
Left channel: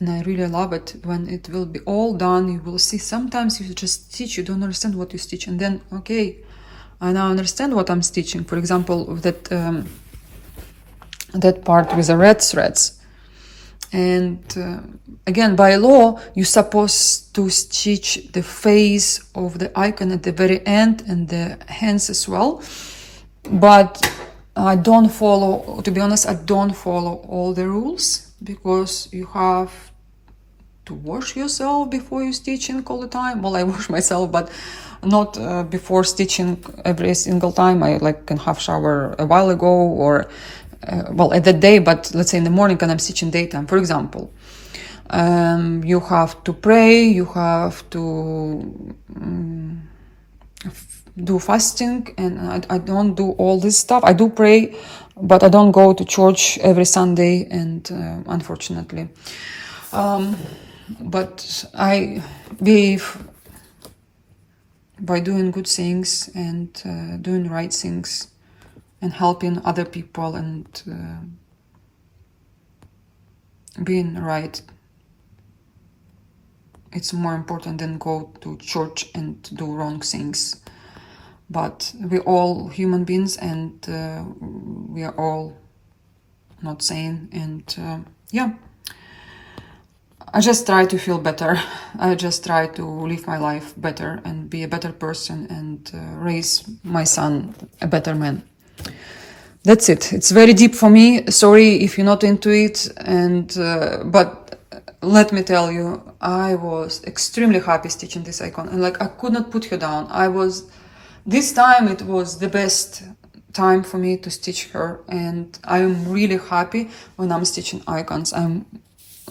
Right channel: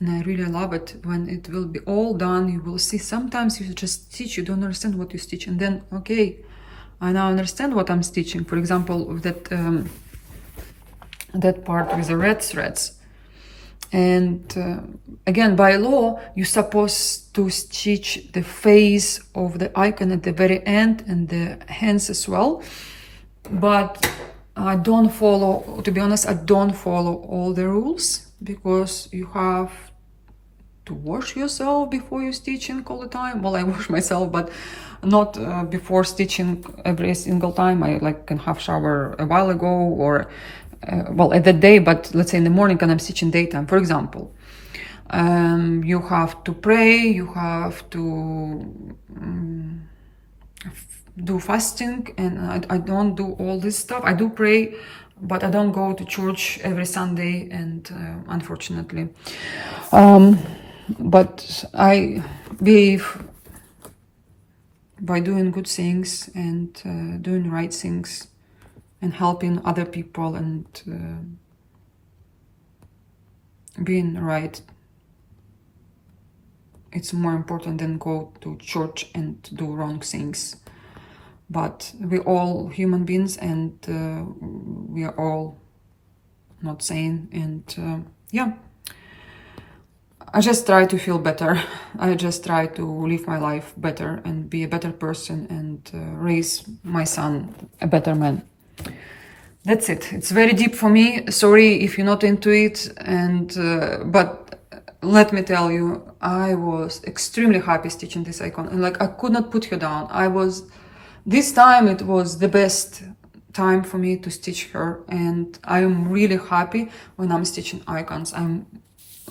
and I really love it. When it will be all done, you will see sometimes you just stitch, you don't understand what you stitch, and then okay, I now understand what I'm stitching. For example, that part with the red threads. And again, by law, you're supposed to stitch the face of the icon at the very end and the hands as well. But I don't follow, to be honest, I don't follow all the rules, because you have to wash yourself before you stitching all the time. Well, I wash myself, but not before stitching every single time. I can have shower a while ago, or well, at that day, but let's say in the morning when I'm stitching daytime, for example. You have to pray, you have to do fasting, and I don't do all this stuff. I do pray, but I don't go to church every Sunday, and unfortunately. But I believe by doing good things and doing right things and helping other people and being right, it's more important than go to church and do wrong things. But we're all human beings, and we are all not sane, and yeah, I just try to feel better. I just try to live my life better and be a better person, and raise my son a better man. That's it. It's very deep for me. Sorry if you're not into it, and but let me tell you, I was extremely happy stitching this icon, and I could not put her down. This time it was the best time for me to stitch her, and I am really happy when I'm stitching icons.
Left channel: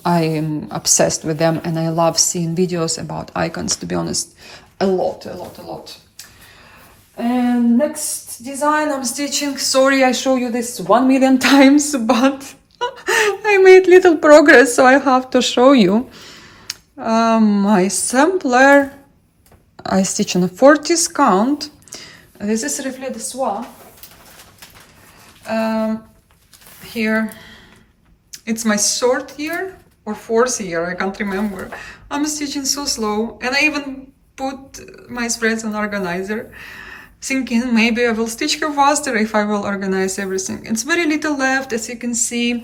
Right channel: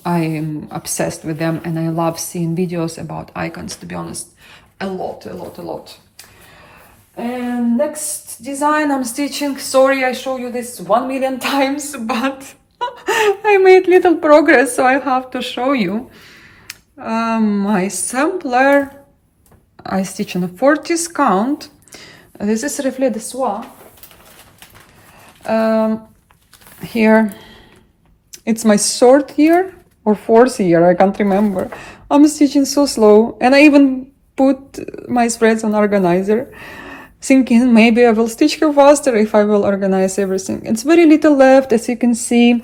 I am obsessed with them, and I love seeing videos about icons, to be honest. A lot. And next design I'm stitching, sorry I show you this 1 million times, but I made little progress, so I have to show you. My sampler, I stitch on a 40th count. This is Reflet de Soie. Here, it's my third year or fourth year, I can't remember. I'm stitching so slow, and I even put my threads on organizer, thinking maybe I will stitch her faster if I will organize everything. It's very little left, as you can see.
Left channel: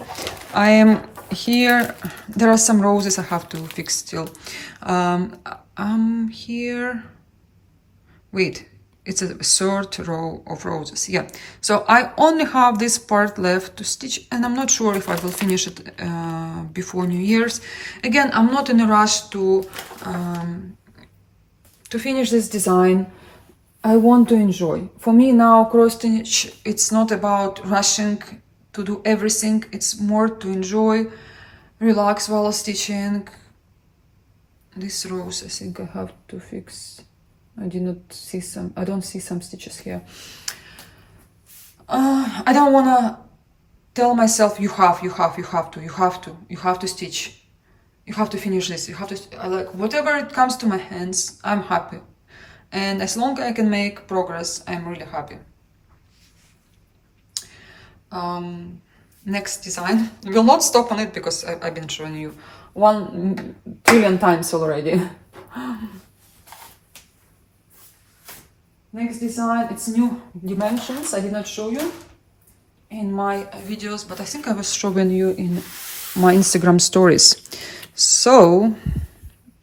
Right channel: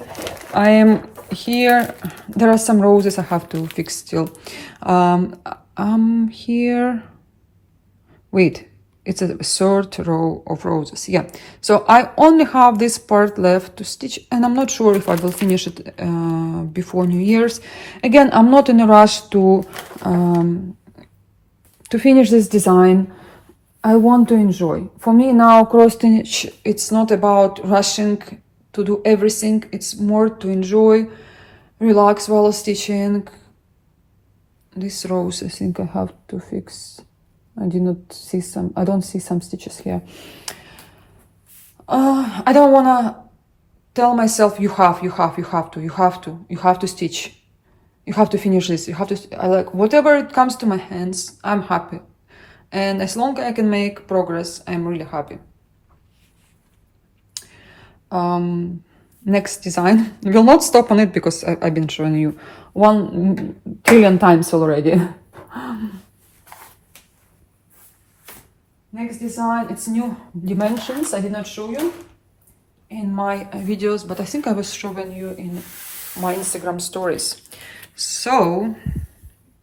I am here. There are some roses I have to fix still. I'm here. Wait, it's a third row of roses. Yeah, so I only have this part left to stitch, and I'm not sure if I will finish it before New Year's. Again, I'm not in a rush to finish this design. I want to enjoy. For me now, cross stitch, it's not about rushing to do everything. It's more to enjoy, relax while stitching. This rose, I think I have to fix. I don't see some stitches here. I don't want to tell myself you have to stitch. You have to finish this. You have to, like, whatever it comes to my hands, I'm happy. And as long as I can make progress, I'm really happy. Next design. You will not stop on it because I've been showing you 1 trillion times already. Next design, it's new dimensions. I did not show you in my videos, but I think I was showing you in my Instagram stories. So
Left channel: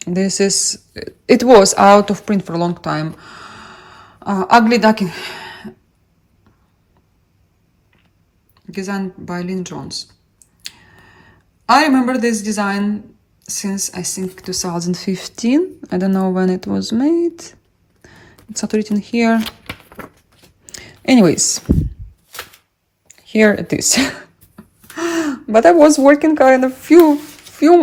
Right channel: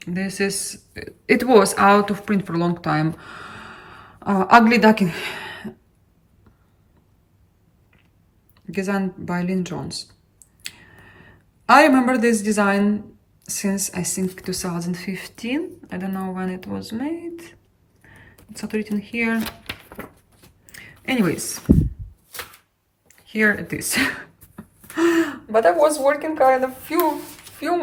this is, it was out of print for a long time. Ugly Duckling, designed by Lynn Jones. I remember this design since I think 2015. I don't know when it was made. It's not written here. Anyways, here it is. But I was working kind of few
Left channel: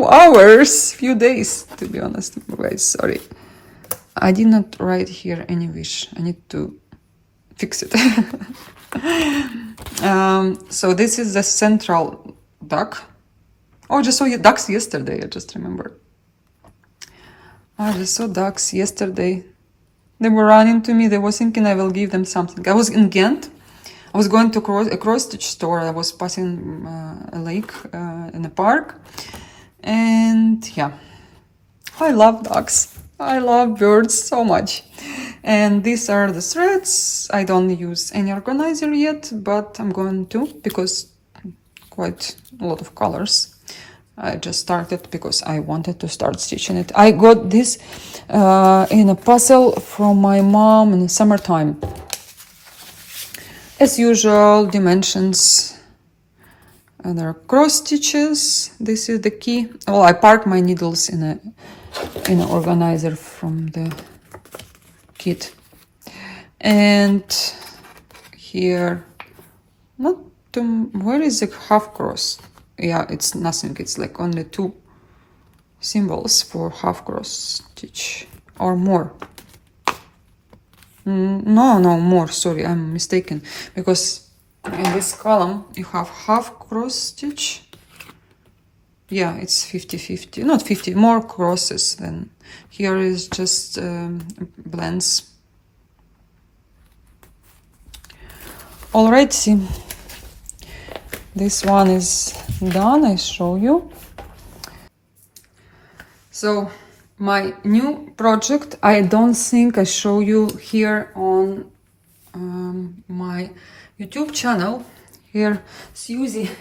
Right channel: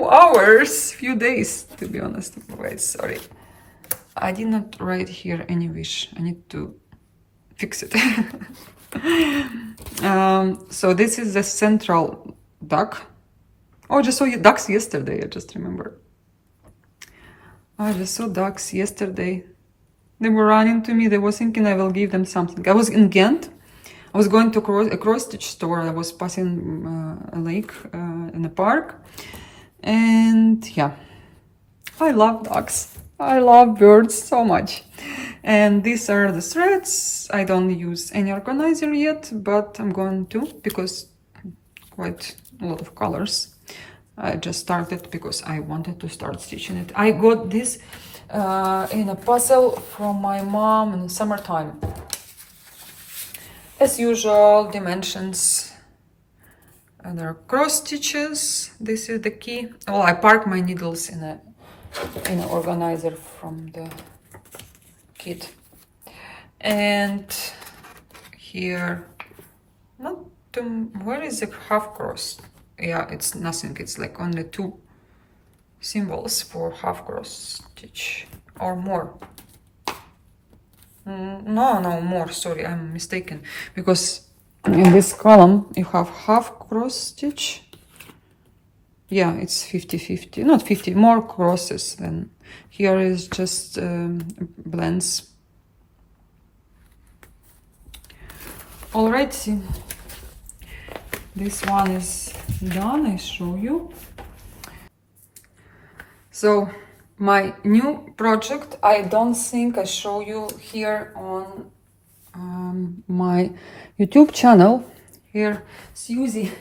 hours, few days, to be honest. Guys, sorry. I did not write here any wish. I need to fix it. So this is the central duck. Oh, I just saw ducks yesterday, I just remember. I just saw ducks yesterday. They were running to me. They were thinking I will give them something. I was in Ghent. I was going to a cross-stitch store. I was passing a lake in a park. And yeah, I love ducks. I love birds so much. And these are the threads. I don't use any organizer yet, but I'm going to, because quite a lot of colors. I just started because I wanted to start stitching it. I got this in a puzzle from my mom in the summertime. As usual, dimensions, and there are cross stitches. This is the key. Well, I park my needles in an organizer from the kit. And here, where is the half cross? Yeah, it's nothing. It's like only 2 symbols for half cross stitch or more. No, more, sorry, I'm mistaken, because in this column you have half cross stitch. Yeah, it's 50-50, not 50, more crosses than here is just blends. Alrighty, this one is done. I show you. So my new project, I don't think I show you here on my YouTube channel. Here, Susie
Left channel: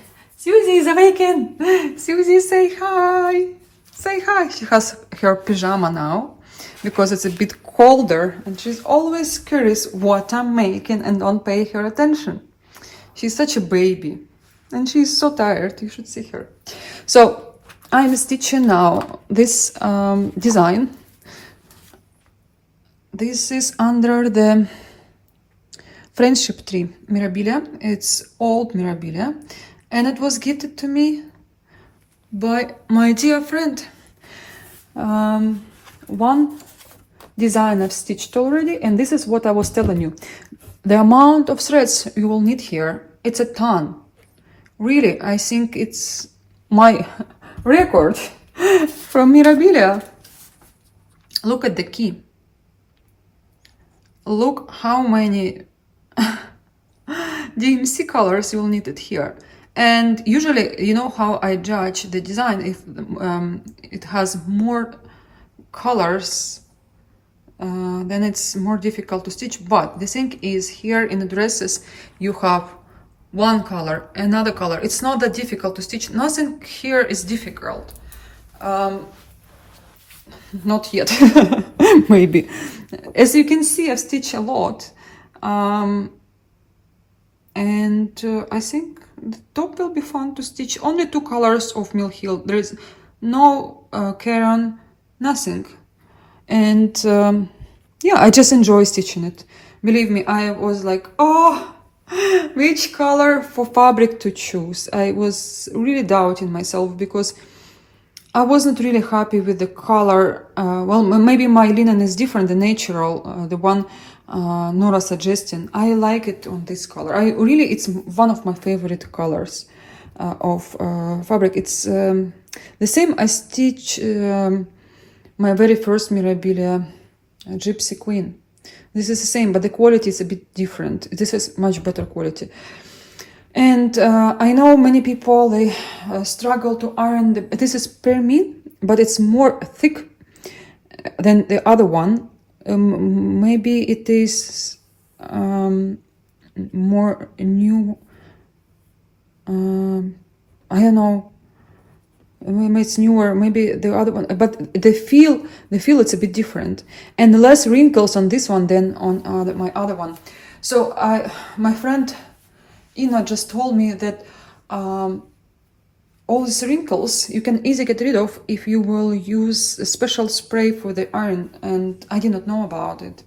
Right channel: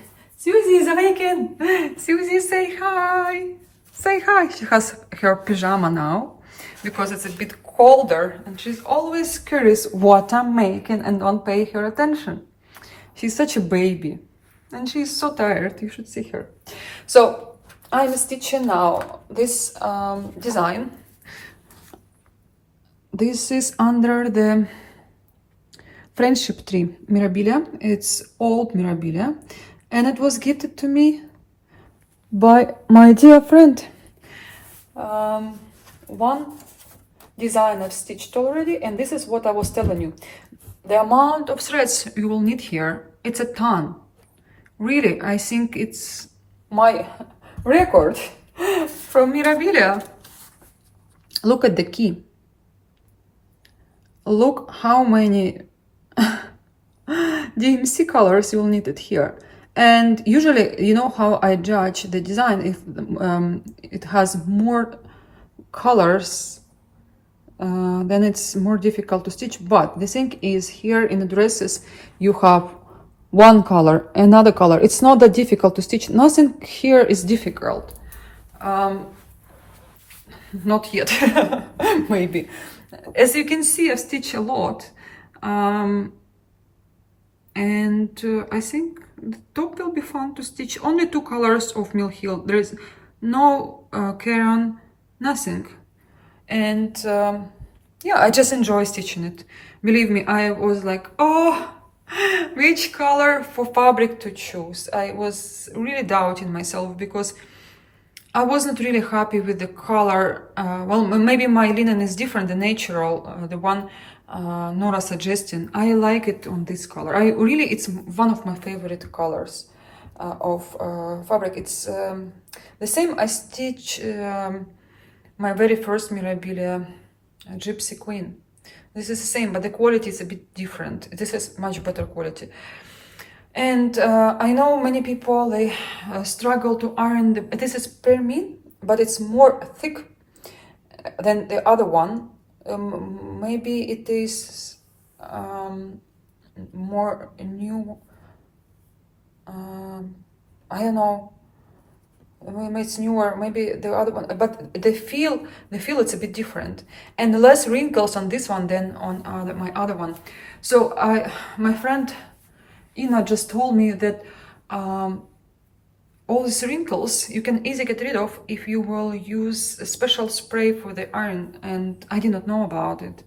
is awakened. Susie, say hi. Say hi. She has her pajama now because it's a bit colder, and she's always curious what I'm making and don't pay her attention. She's such a baby, and she's so tired. You should see her. So I'm stitching now this design. This is under the friendship tree, Mirabilia. It's old Mirabilia, and it was gifted to me by my dear friend. One design I've stitched already, and this is what I was telling you. The amount of threads you will need here, it's a ton. Really, I think it's my record from Mirabilia. Look at the key. Look how many DMC colors, you will need it here. And usually, you know how I judge the design, if it has more colors, then it's more difficult to stitch. But the thing is, here in the dresses, you have one color, another color. It's not that difficult to stitch. Nothing here is difficult. Not yet, maybe. As you can see, I've stitched a lot. And I think the top will be fun to stitch. Only 2 colors of Mill Hill. There is no Caron, nothing. And yeah, I just enjoy stitching it. Believe me, I was like, oh, which color for fabric to choose. I was really doubting myself because I wasn't really happy with the color. Well, maybe my linen is different, the natural, the one Nora suggesting. I like it on this color. It's one of my favorite colors of fabric. It's the same I stitch my very first Mirabilia Gypsy Queen. This is the same, but the quality is a bit different. This is much better quality. And I know many people, they struggle to iron. This is permin, but it's more thick than the other one. Maybe it is more new. I don't know. Maybe it's newer. Maybe the other one, but the feel it's a bit different, and less wrinkles on this one than on my other one. So my friend Ina just told me that all these wrinkles you can easily get rid of if you will use a special spray for the iron, and I did not know about it.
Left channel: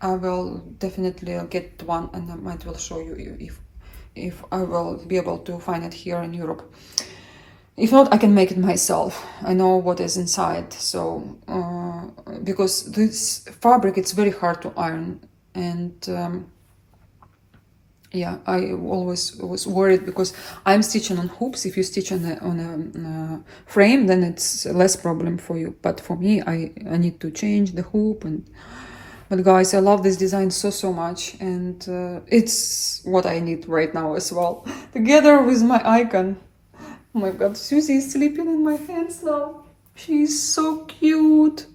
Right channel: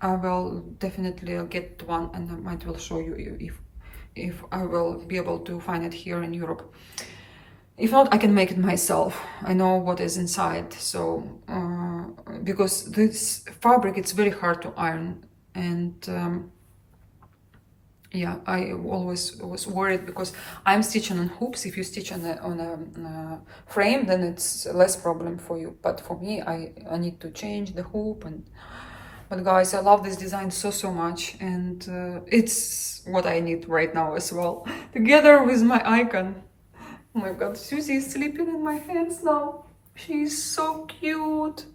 I will definitely get one, and I might will show you if I will be able to find it here in Europe. If not, I can make it myself. I know what is inside. So because this fabric, it's very hard to iron, and yeah, I always was worried because I'm stitching on hoops. If you stitch on a frame, then it's less problem for you. But for me, I need to change the hoop. But guys, I love this design so much, and it's what I need right now as well, together with my icon. Oh my God, Susie is sleeping in my hands now. She's so cute.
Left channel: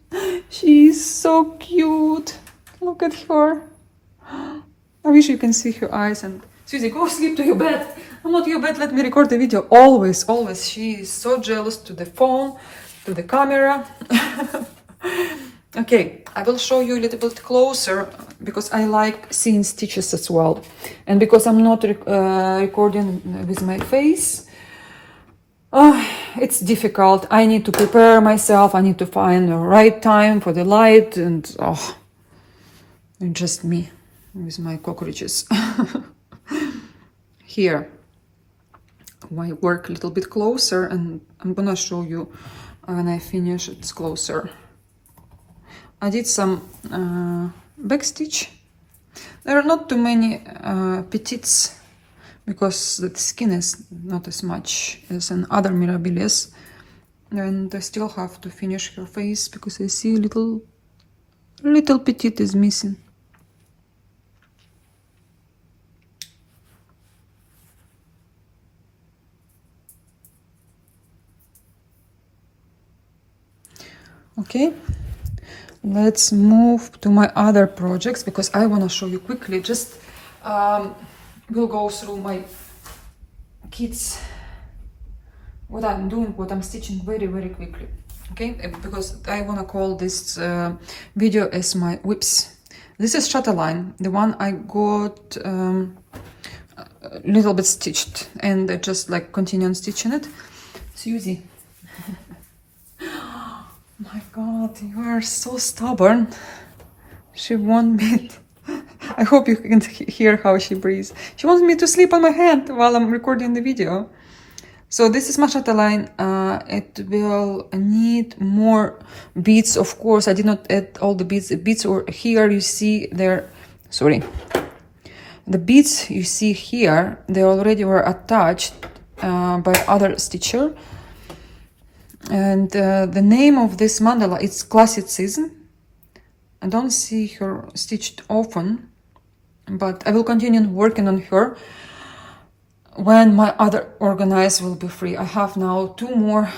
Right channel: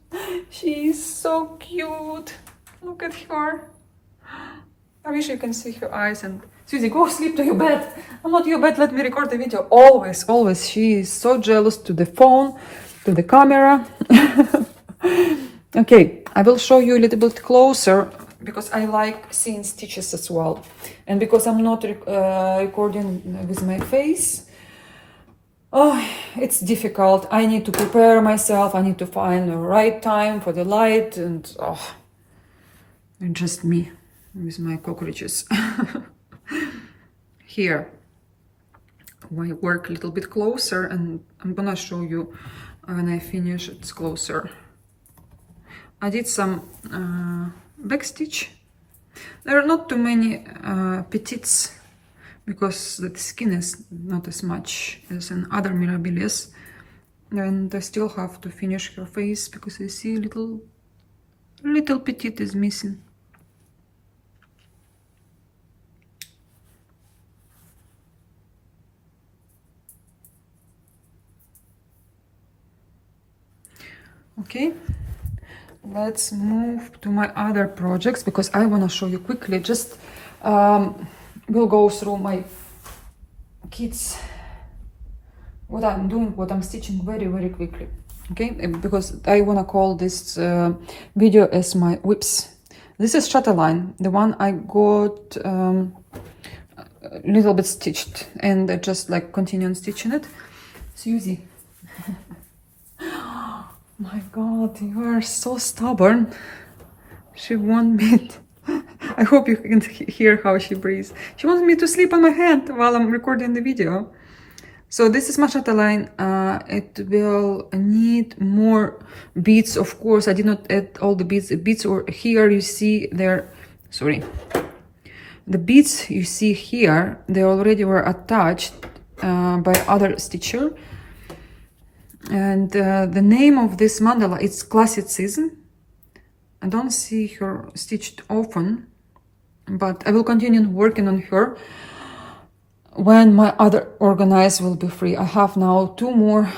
She's so cute. Look at her. I wish you can see her eyes. And Susie, go sleep to your bed. I'm not your bed, let me record the video. Always, always. She is so jealous to the phone, to the camera. Okay, I will show you a little bit closer because I like seeing stitches as well. And because I'm not recording with my face, it's difficult. I need to prepare myself. I need to find the right time for the light, and just me with my cockroaches. Here, I work a little bit closer, and I'm gonna show you when I finish it's closer. I did some backstitch. There are not too many petites because the skin is not as much as in other Mirabilias, and I still have to finish her face because I see little petite is missing. Okay, let's move to my other projects because I want to show you quickly. Just we'll go through my kids, what I'm doing, what I'm stitching very quickly. Okay, because I want to call this video as my whips. This is Chatelaine, the one I got a little bit stitched, and I just like continue on stitching it. Susie. My God, you are so stubborn. She won't meet. I hope you can hear how she breathes. She wants me to sleep on my hand while I'm recording the video. So this is my Chatelaine. It will need more beads, of course. I did not add all the beads. The beads are here. You see there. Sorry. The beads you see here, they already were attached by other stitcher. And the name of this mandala is Classicism. I don't see her stitched often. but I will continue working on her when my other organizer will be free. I have now 2 more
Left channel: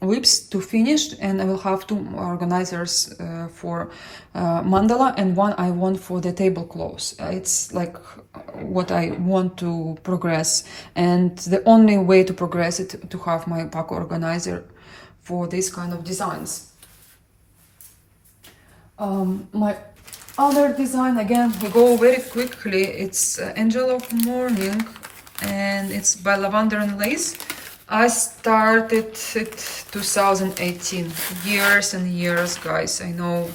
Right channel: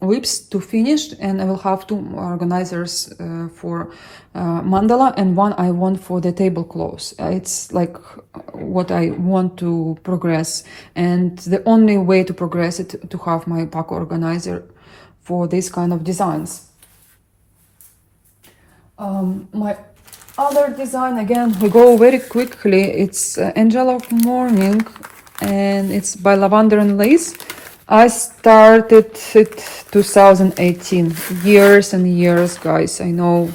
whips to finish, and I will have 2 organizers for mandala, and one I want for the tablecloth. It's like what I want to progress, and the only way to progress it to have my pack organizer for this kind of designs. My other design, again, we go very quickly. It's Angel of Morning, and it's by Lavender and Lace. I started it 2018, years and years, guys, I know.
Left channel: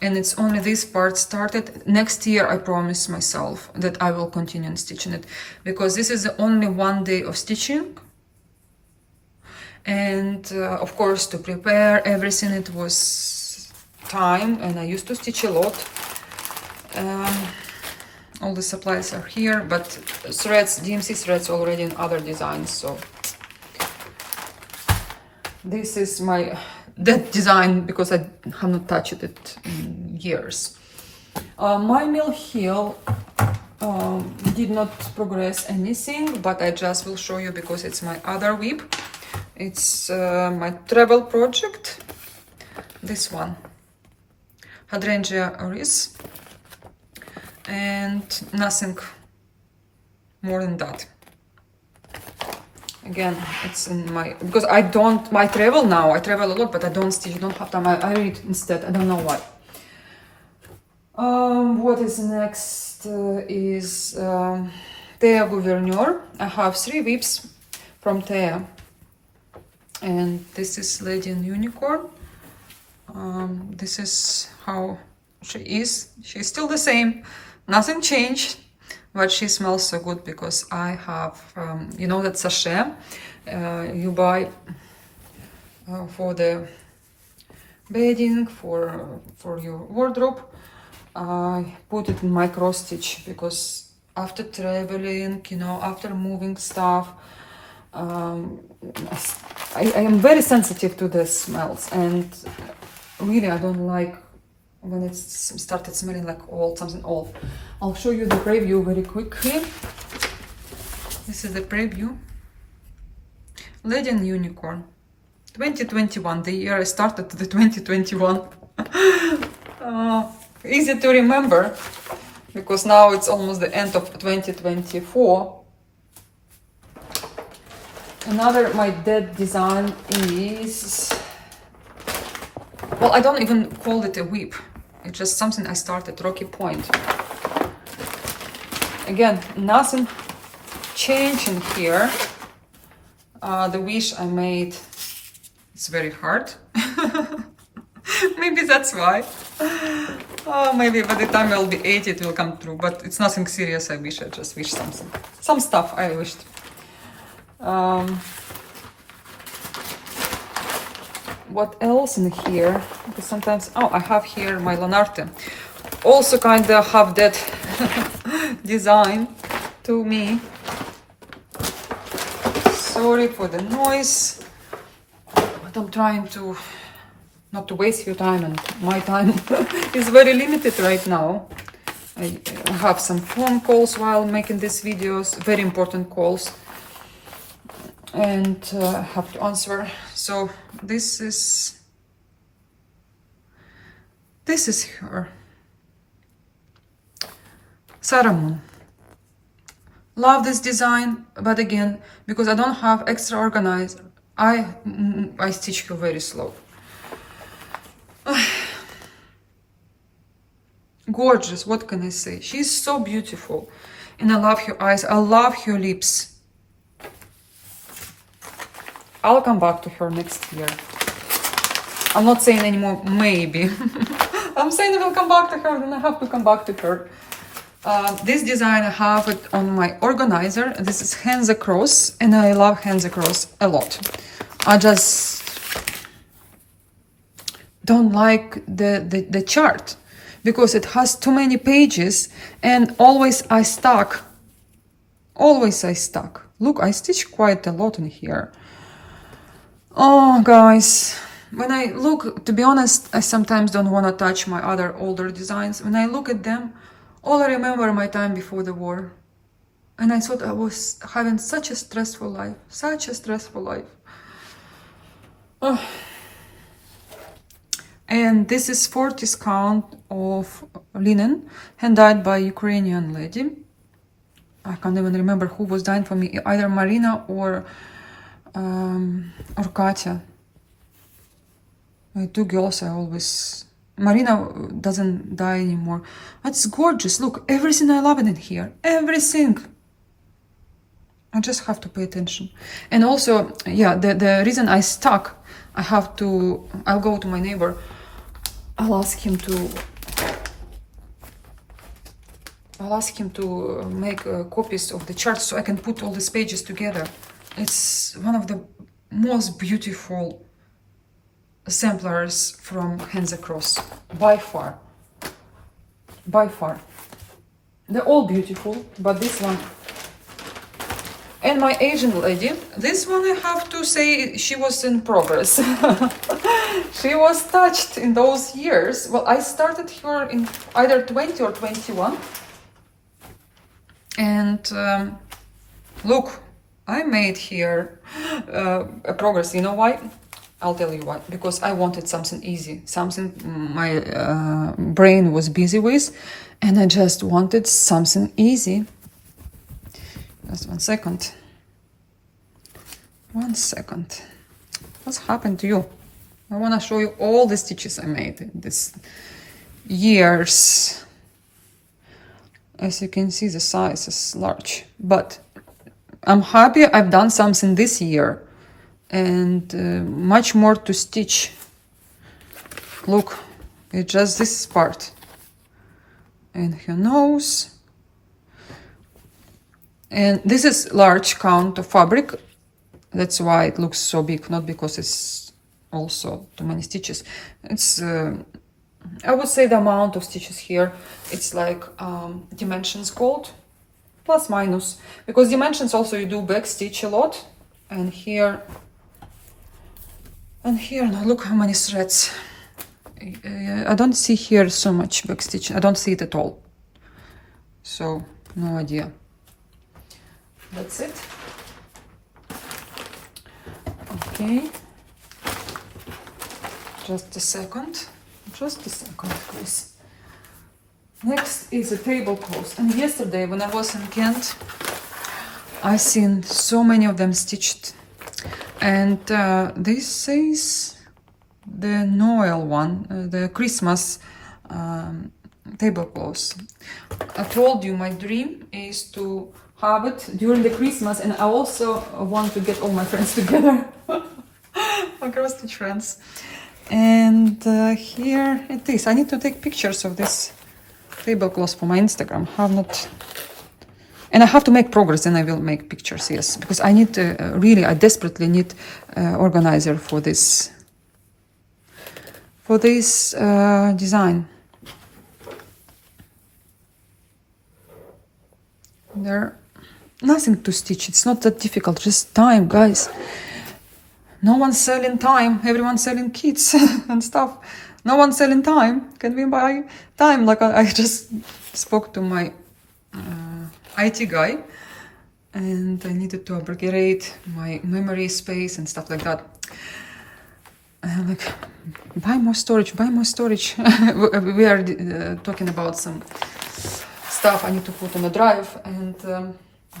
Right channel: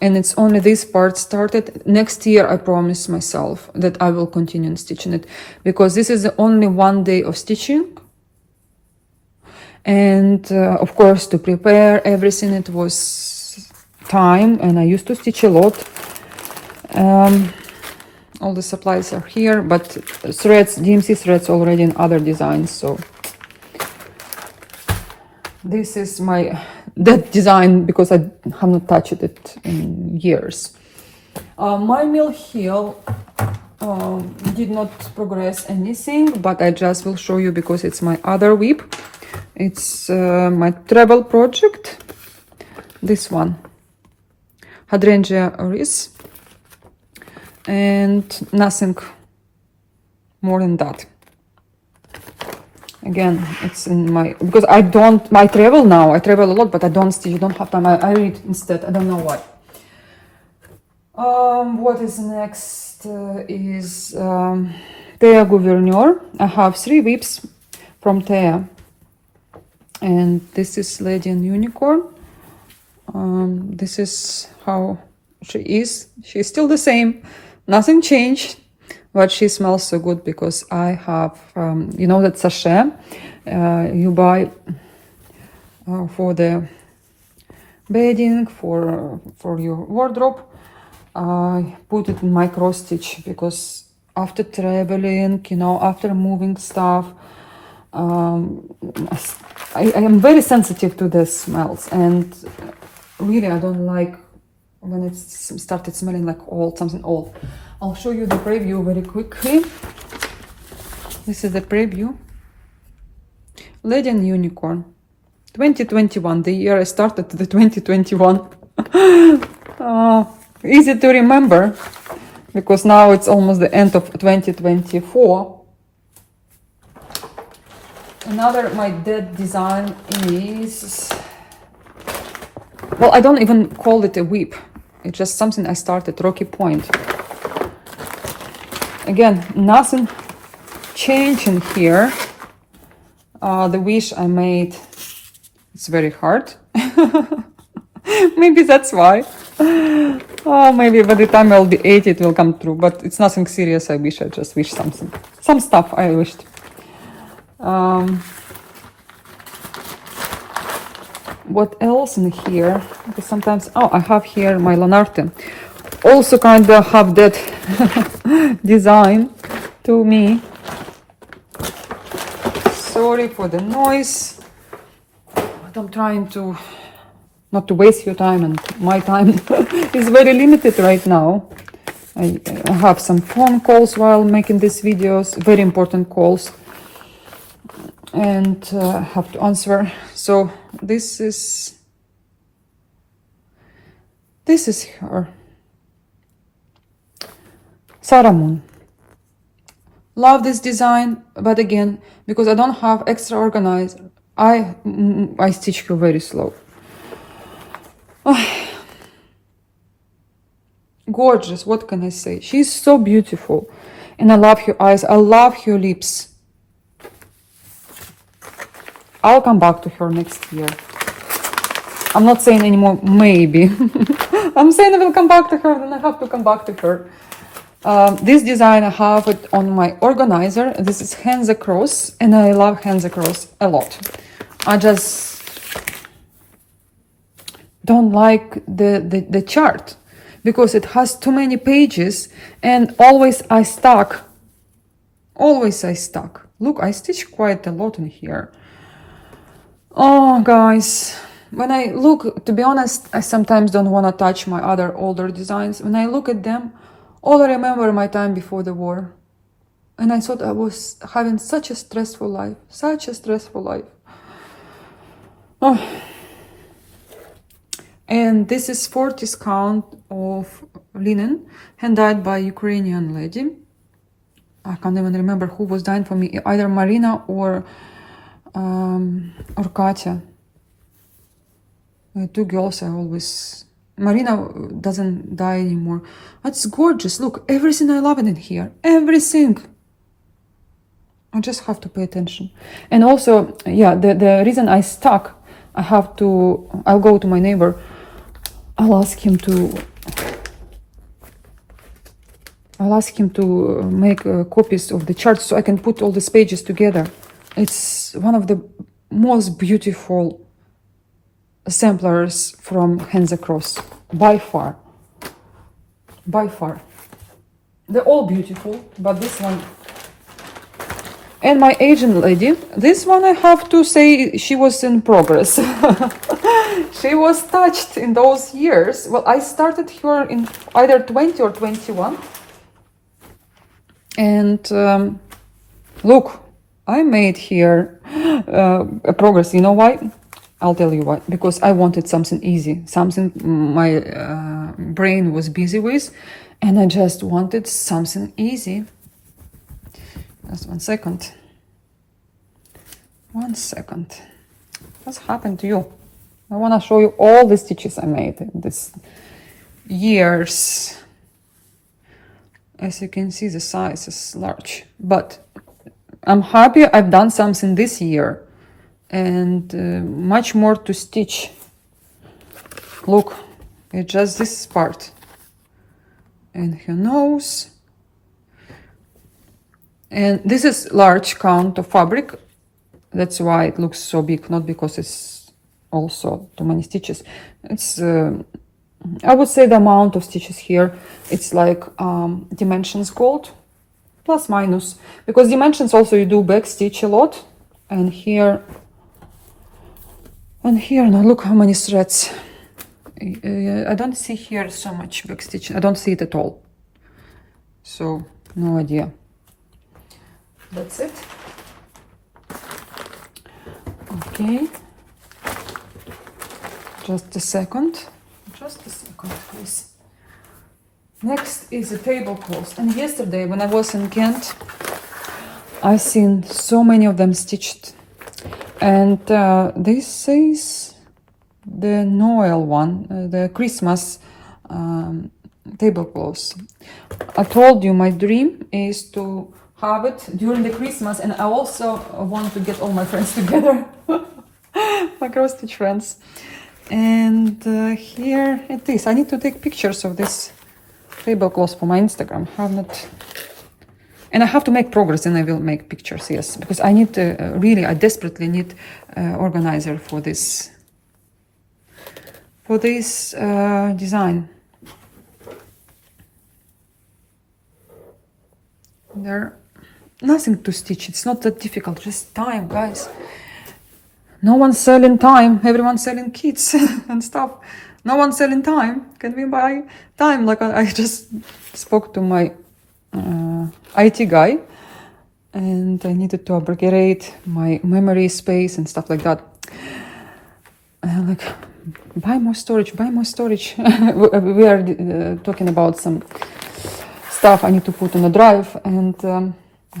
And it's only this part started. Next year, I promise myself that I will continue stitching it, because this is only 1 day of stitching. And of course, to prepare everything, it was time, and I used to stitch a lot. All the supplies are here, but threads, DMC threads already in other designs, so this is my that design, because I have not touched it in years. My mill heel did not progress anything, but I just will show you because it's my other whip. It's my travel project, this one, Hydrangea Oris, and nothing more than that. Again, it's in my, because I travel now, I travel a lot, but I don't stitch, you don't have time, I read instead, I don't know why. What is next is Thea Gouverneur. I have 3 whips from Thea, and this is Lady and Unicorn. This is how she is. She's still the same, nothing changed. But she smells so good because I have, you know, that sachet you buy for the beading, for your wardrobe. I put it in my cross stitch because after traveling, you know, after moving stuff, I am very sensitive to the smells, and really I don't like when it started smelling like old, something old. I'll show you the preview very quickly. This is the preview. Lady and Unicorn, 2021, the year I started the 2021. Easy to remember, because now it's almost the end of 2024. Another my dead design is, well, I don't even call it a whip. It's just something I started, Rocky Point. Again, nothing changing here. The wish I made, it's very hard. Maybe that's why. Maybe by the time I'll be 80 it will come true, but it's nothing serious. I wish, I just wish something. Some stuff I wished. What else in here? Because sometimes, I have here my Lanarte. Also kind of have that design to me. Sorry for the noise, but I'm trying to not to waste your time, and my time is very limited right now. I have some phone calls while making these videos, very important calls, and I have to answer. So this is her. Sarah Moon. Love this design, but again, because I don't have extra organizer, I stitch her very slow. Gorgeous, what can I say? She's so beautiful, and I love her eyes, I love her lips. I'll come back to her next year. I'm not saying anymore maybe. I'm saying I will come back to her, and I have to come back to her. This design, I have it on my organizer. This is Hands Across, and I love Hands Across a lot. I just don't like the chart because it has too many pages, and always I stuck. Always I stuck. Look, I stitched quite a lot in here. Oh, guys, when I look, to be honest, I sometimes don't want to touch my other older designs. When I look at them, all I remember my time before the war. And I thought I was having such a stressful life, such a stressful life. Oh. And this is 40 count of linen, hand-dyed by Ukrainian lady. I can't even remember who was dyeing for me, either Marina or Katya. Two girls I always... Marina doesn't dye anymore. It's gorgeous. Look, everything I love in here. Everything. I just have to pay attention. And also, yeah, the reason I stuck, I'll go to my neighbor. I'll ask him to make copies of the charts so I can put all these pages together. It's one of the most beautiful samplers from Hands Across, by far. By far. They're all beautiful, but this one... And my Asian lady, this one I have to say she was in progress. She was touched in those years. Well, I started her in either 20 or 21. And look, I made here a progress. You know why? I'll tell you why. Because I wanted something easy, something my brain was busy with, and I just wanted something easy. Just 1 second. 1 second. What's happened to you? I want to show you all the stitches I made in this years. As you can see, the size is large. But I'm happy I've done something this year. And much more to stitch. Look, it's just this part. And her nose. And this is large count of fabric. That's why it looks so big, not because it's also too many stitches. It's, I would say the amount of stitches here, it's like dimensions gold, plus minus. Because dimensions also you do back stitch a lot. And here, now look how many threads. I don't see here so much back stitch. I don't see it at all. So, no idea. That's it. Okay. Just a second. Just a second, please. Next is a tablecloth. And yesterday, when I was in Kent, I seen so many of them stitched. And this is the Noel one, the Christmas tablecloth. I told you my dream is to have it during the Christmas, and I also want to get all my friends together, my cross-stitch friends. And here it is. I need to take pictures of this tablecloth for my Instagram. Have not, and I have to make progress, and I will make pictures. Yes, because I need to really, I desperately need organizer for this design. There. Nothing to stitch, it's not that difficult, just time, guys. No one's selling time, everyone's selling kits and stuff. No one's selling time. Can we buy time? Like I just spoke to my IT guy, and I needed to upgrade my memory space and stuff like that. And I'm like, buy more storage, buy more storage. We are talking about some stuff I need to put on a drive, and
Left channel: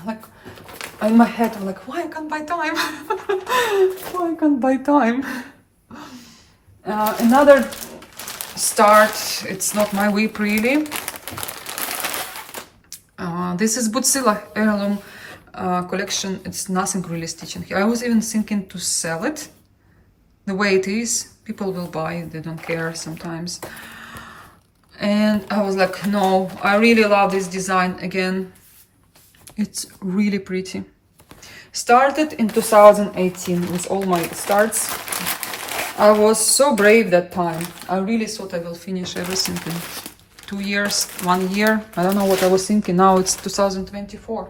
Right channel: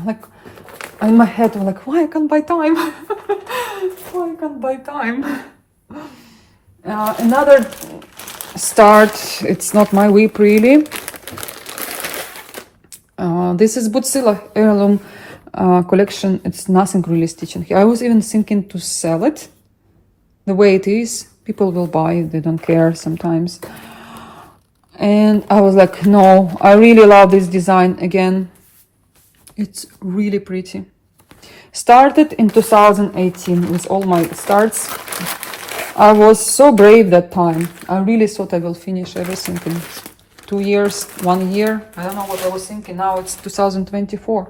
like in my head, I'm like, why I can't buy time? Why I can't buy time? Another start. It's not my whip really. This is Butsila heirloom collection. It's nothing really stitching here. I was even thinking to sell it the way it is. People will buy. They don't care sometimes. And I was like, no, I really love this design again. It's really pretty. Started in 2018 with all my starts. I was so brave that time. I really thought I will finish everything in 2 years, 1 year. I don't know what I was thinking. Now it's 2024.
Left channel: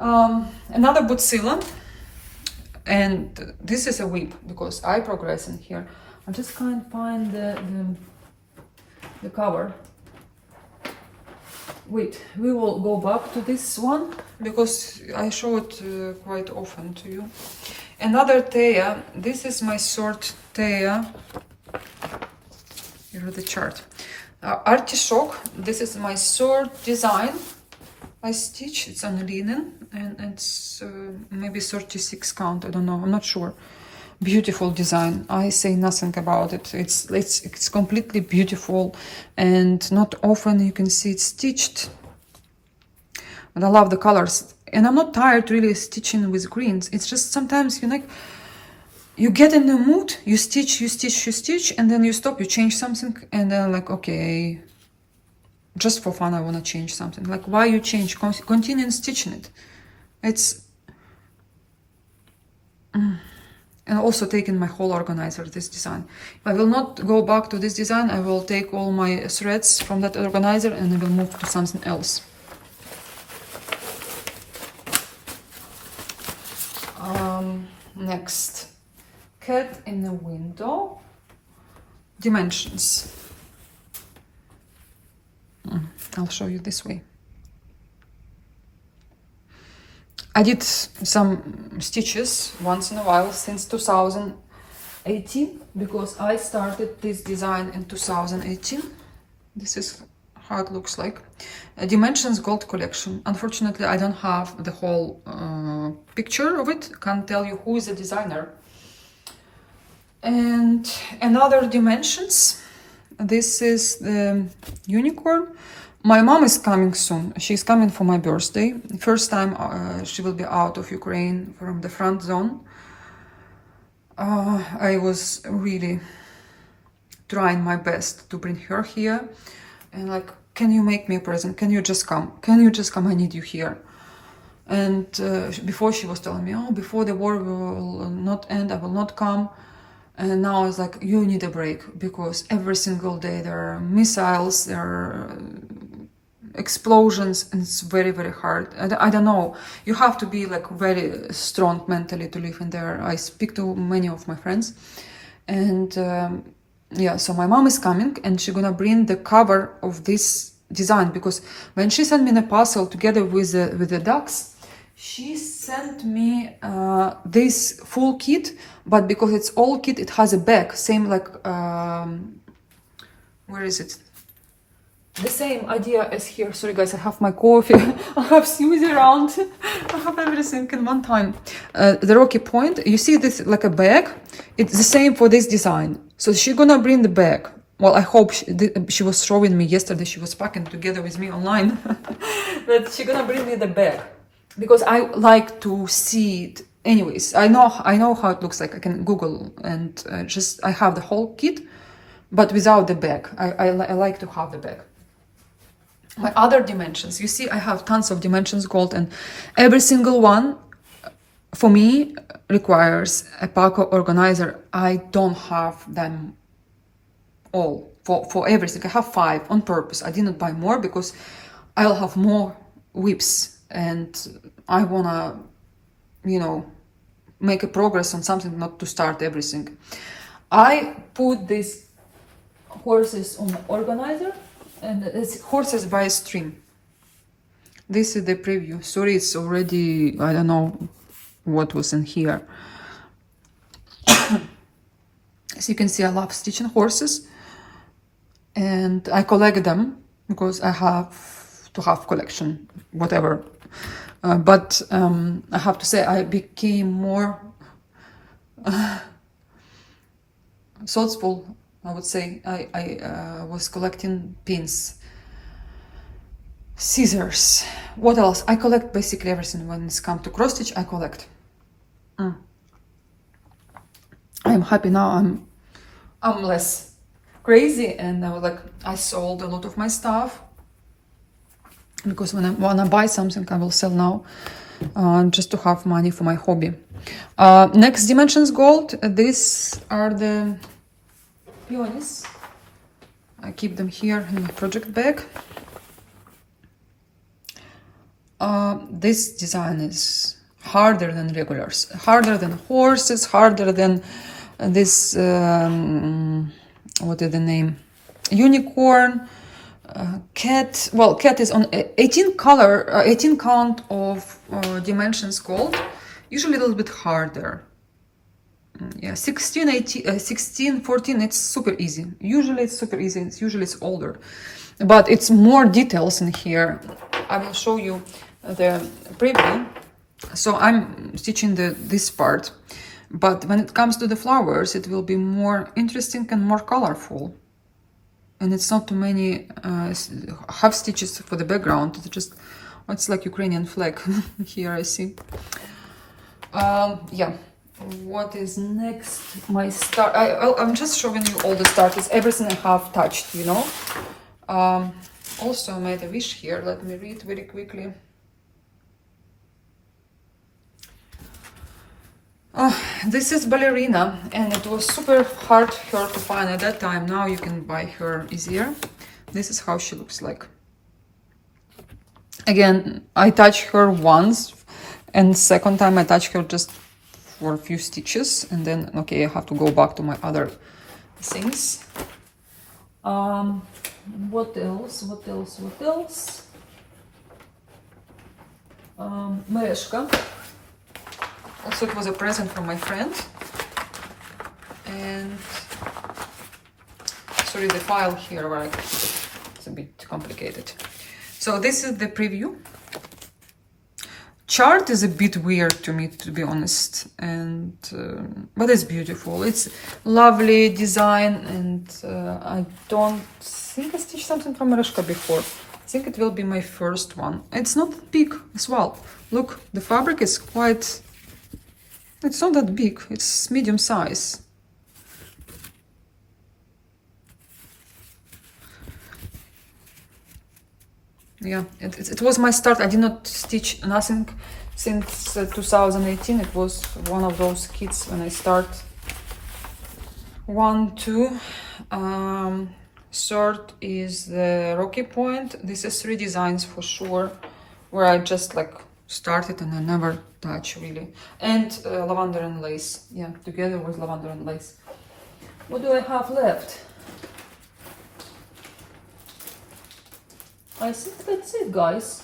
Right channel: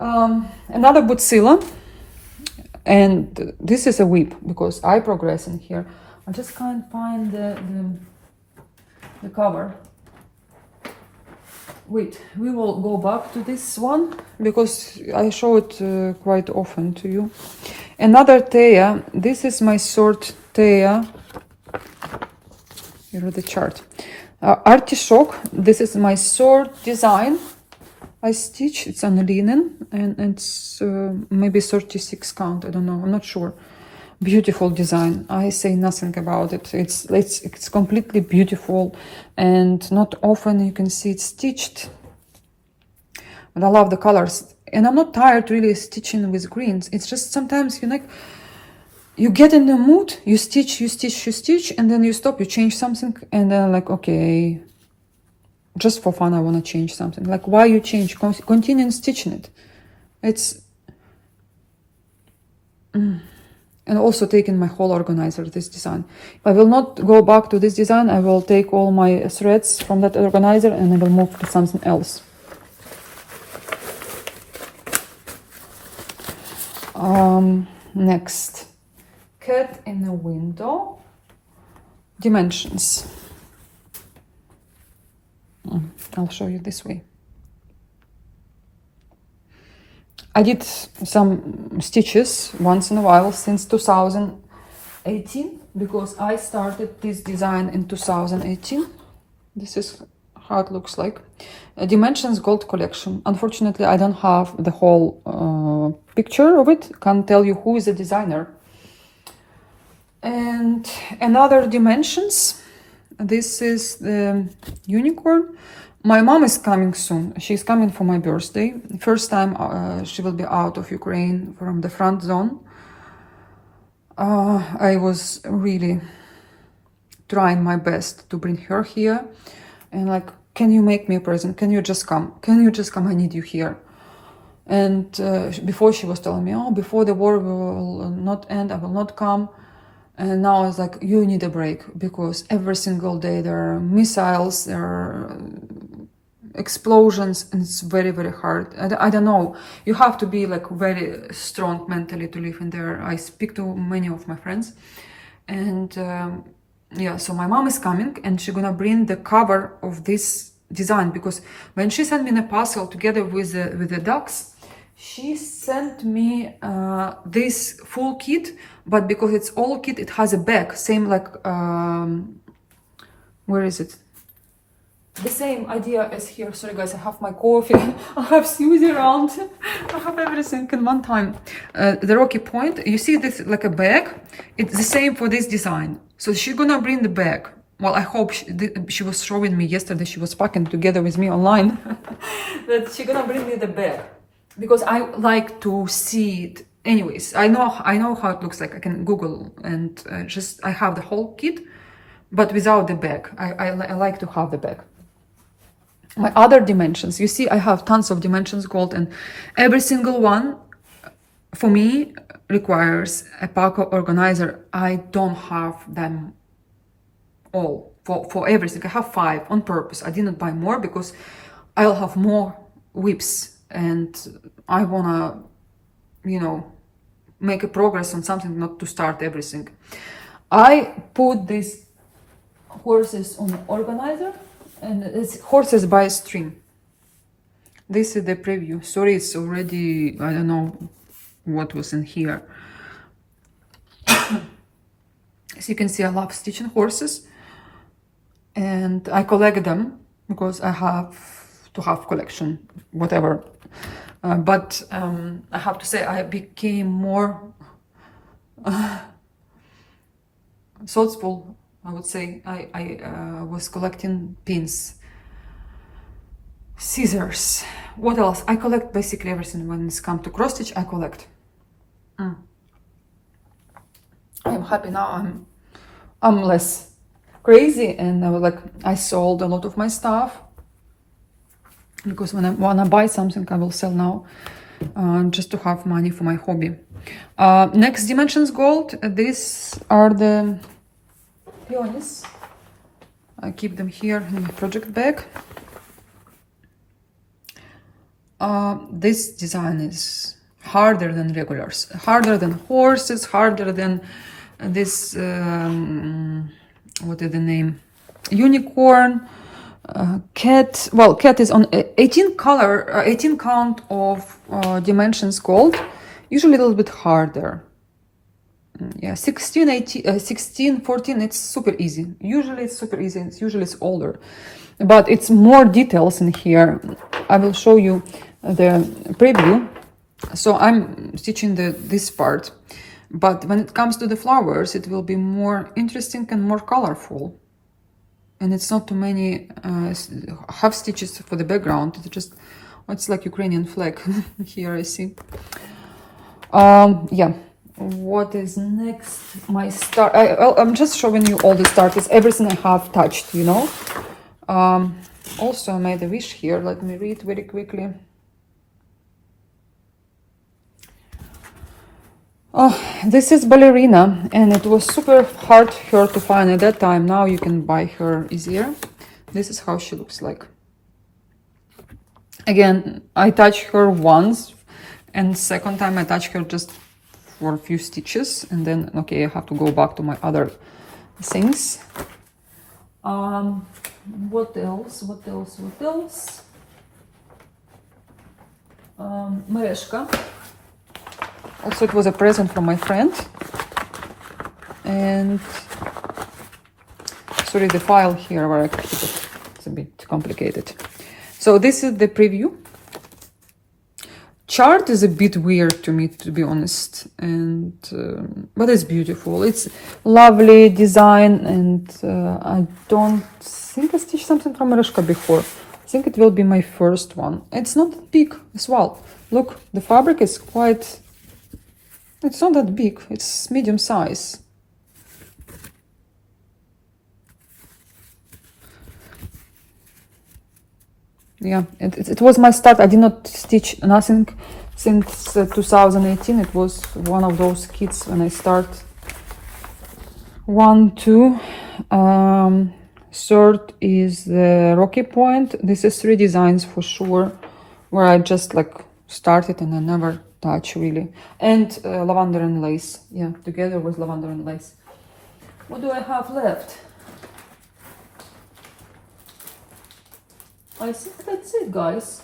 Another Butsila. And this is a whip because I progress in here. I just can't find the cover. Wait, we will go back to this one because I show it quite often to you. Another Thea. This is my short Thea. Here is the chart. Artichoke. This is my short design. I stitch. It's on linen and it's maybe 36 count. I don't know. I'm not sure. Beautiful design. I say nothing about it. It's completely beautiful, and not often you can see it stitched. But I love the colors, and I'm not tired really stitching with greens. It's just sometimes you get in the mood, you stitch, and then you stop, you change something, and then like, okay, just for fun, I want to change something. Like, why you change? Continue stitching it. It's and also taking my whole organizer, this design. If I will not go back to this design, I will take all my threads from that organizer and I will move to something else. Next, cat in a window. Dimensions. I'll show you this way. I did some stitches once in a while since 2018 because I started this design in 2018. This is how it looks like. Dimensions Gold Collection. Unfortunately, I don't have the whole picture of it. Can't tell you who is the designer. And another Dimensions. This is the unicorn. My mom is coming soon. She's coming for my birthday. First time she will be out of Ukraine from the front zone. I was really trying my best to bring her here. And like, can you make me a present? Can you just come? Can you just come? I need you here. And before she was telling me, oh, before the war will not end, I will not come. And now it's like, you need a break because every single day there are missiles, there are explosions, and it's very, very hard. I don't know. You have to be like very strong mentally to live in there. I speak to many of my friends. And yeah, so my mom is coming and she's gonna bring the cover of this design because when she sent me the parcel together with the ducks, she sent me this full kit, but because it's all kit, it has a bag, same like, where is it? The same idea as here. Sorry guys, I have my coffee, I have Susie around, I have everything in one time. The Rocky Point, you see this like a bag, it's the same for this design. So she's gonna bring the bag. Well, I hope she was showing me yesterday, she was packing together with me online, that she's gonna bring me the bag. Because I like to see it. Anyways, I know how it looks like. I can Google and I have the whole kit, but without the bag. I like to have the bag. My other dimensions, you see, I have tons of Dimensions Gold, and every single one for me requires a Paco organizer. I don't have them all for everything. I have 5 on purpose. I didn't buy more because I'll have more whips. And I wanna, make a progress on something, not to start everything. I put these horses on the organizer, and it's horses by a string. This is the preview. Sorry, it's already, I don't know what was in here. As you can see, I love stitching horses, and I collect them because I have to have collection, whatever. But I have to say I became more thoughtful, I would say. I was collecting pins, scissors. What else? I collect basically everything. When it's come to cross stitch, I collect. I'm happy now. I'm less crazy, and I sold a lot of my stuff. Because when I want to buy something, I will sell now, just to have money for my hobby. Next, Dimensions Gold. These are the peonies. I keep them here in my project bag. This design is harder than regulars, harder than horses, harder than this, what is the name? Unicorn, cat. Well, cat is on 18 color, 18 count of dimensions gold, usually a little bit harder. Yeah, 16, 18, 16, 14, it's super easy. Usually it's super easy, usually it's older. But it's more details in here. I will show you the preview. So I'm stitching this part. But when it comes to the flowers, it will be more interesting and more colorful. And it's not too many half stitches for the background. It's just, it's like Ukrainian flag here, I see. Yeah. What is next? My start. I'm just showing you all the starters, everything I have touched, you know. Also, I made a wish here. Let me read very quickly. This is Ballerina, and it was super hard for her to find at that time. Now you can buy her easier. This is how she looks like. Again, I touched her once, and second time I touched her just for a few stitches, and then okay, I have to go back to my other things. What else? Mereshka. Also, it was a present from my friend. And sorry, the file here where I keep it, it's a bit complicated. So this is the preview. Chart is a bit weird to me, to be honest, and but it's beautiful. It's lovely design, and I don't think I stitched something from Mereshka before. I think it will be my first one. It's not that big as well. Look, the fabric is quite. It's not that big. It's medium size. Yeah, it was my start. I did not stitch nothing since 2018. It was one of those kits when I start. 1, 2. Third is the Rocky Point. This is 3 designs for sure, where I just like started and I never touch really. And lavender and lace. Yeah, together with lavender and lace. What do I have left? I think that's it, guys.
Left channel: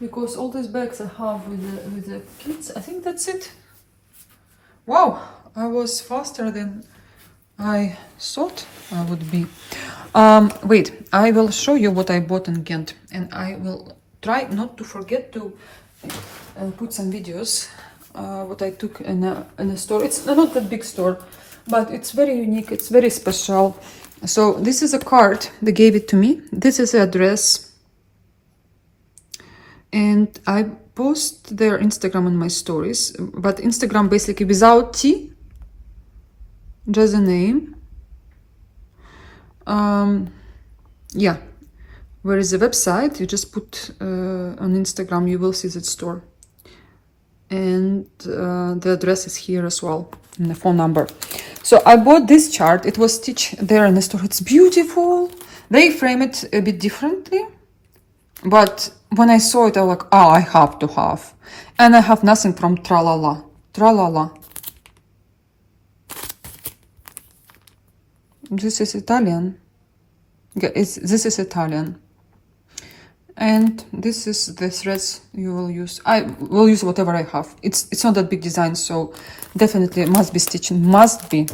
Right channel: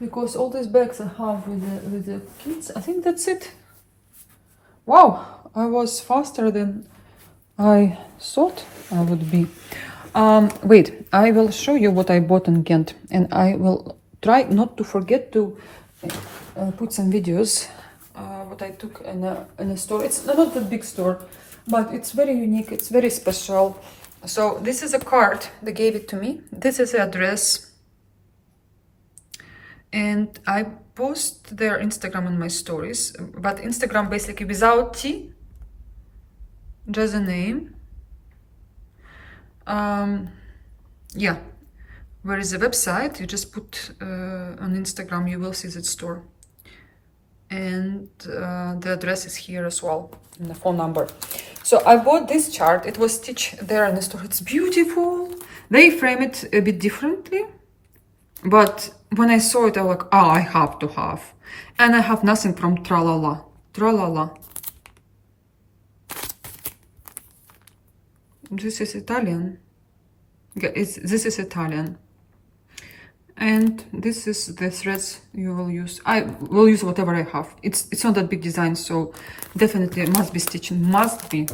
Because all these bags I have with the kids, I think that's it. Wow, I was faster than I thought I would be. Wait, I will show you what I bought in Ghent, and I will try not to forget to put some videos what I took in a store. It's not a big store, but it's very unique. It's very special. So this is a card. They gave it to me. This is the address, and I post their Instagram in my stories. But Instagram basically without T, just a name. Yeah, where is the website? You just put on Instagram. You will see the store, and the address is here as well, and the phone number. So I bought this chart. It was stitched there in the store. It's beautiful. They frame it a bit differently, but when I saw it, I was like, oh, I have to have. And I have nothing from Tralala. Tralala. This is Italian. Yeah, this is Italian. And this is the threads you will use. I will use whatever I have. It's not that big design, so definitely it must be stitching. Must be.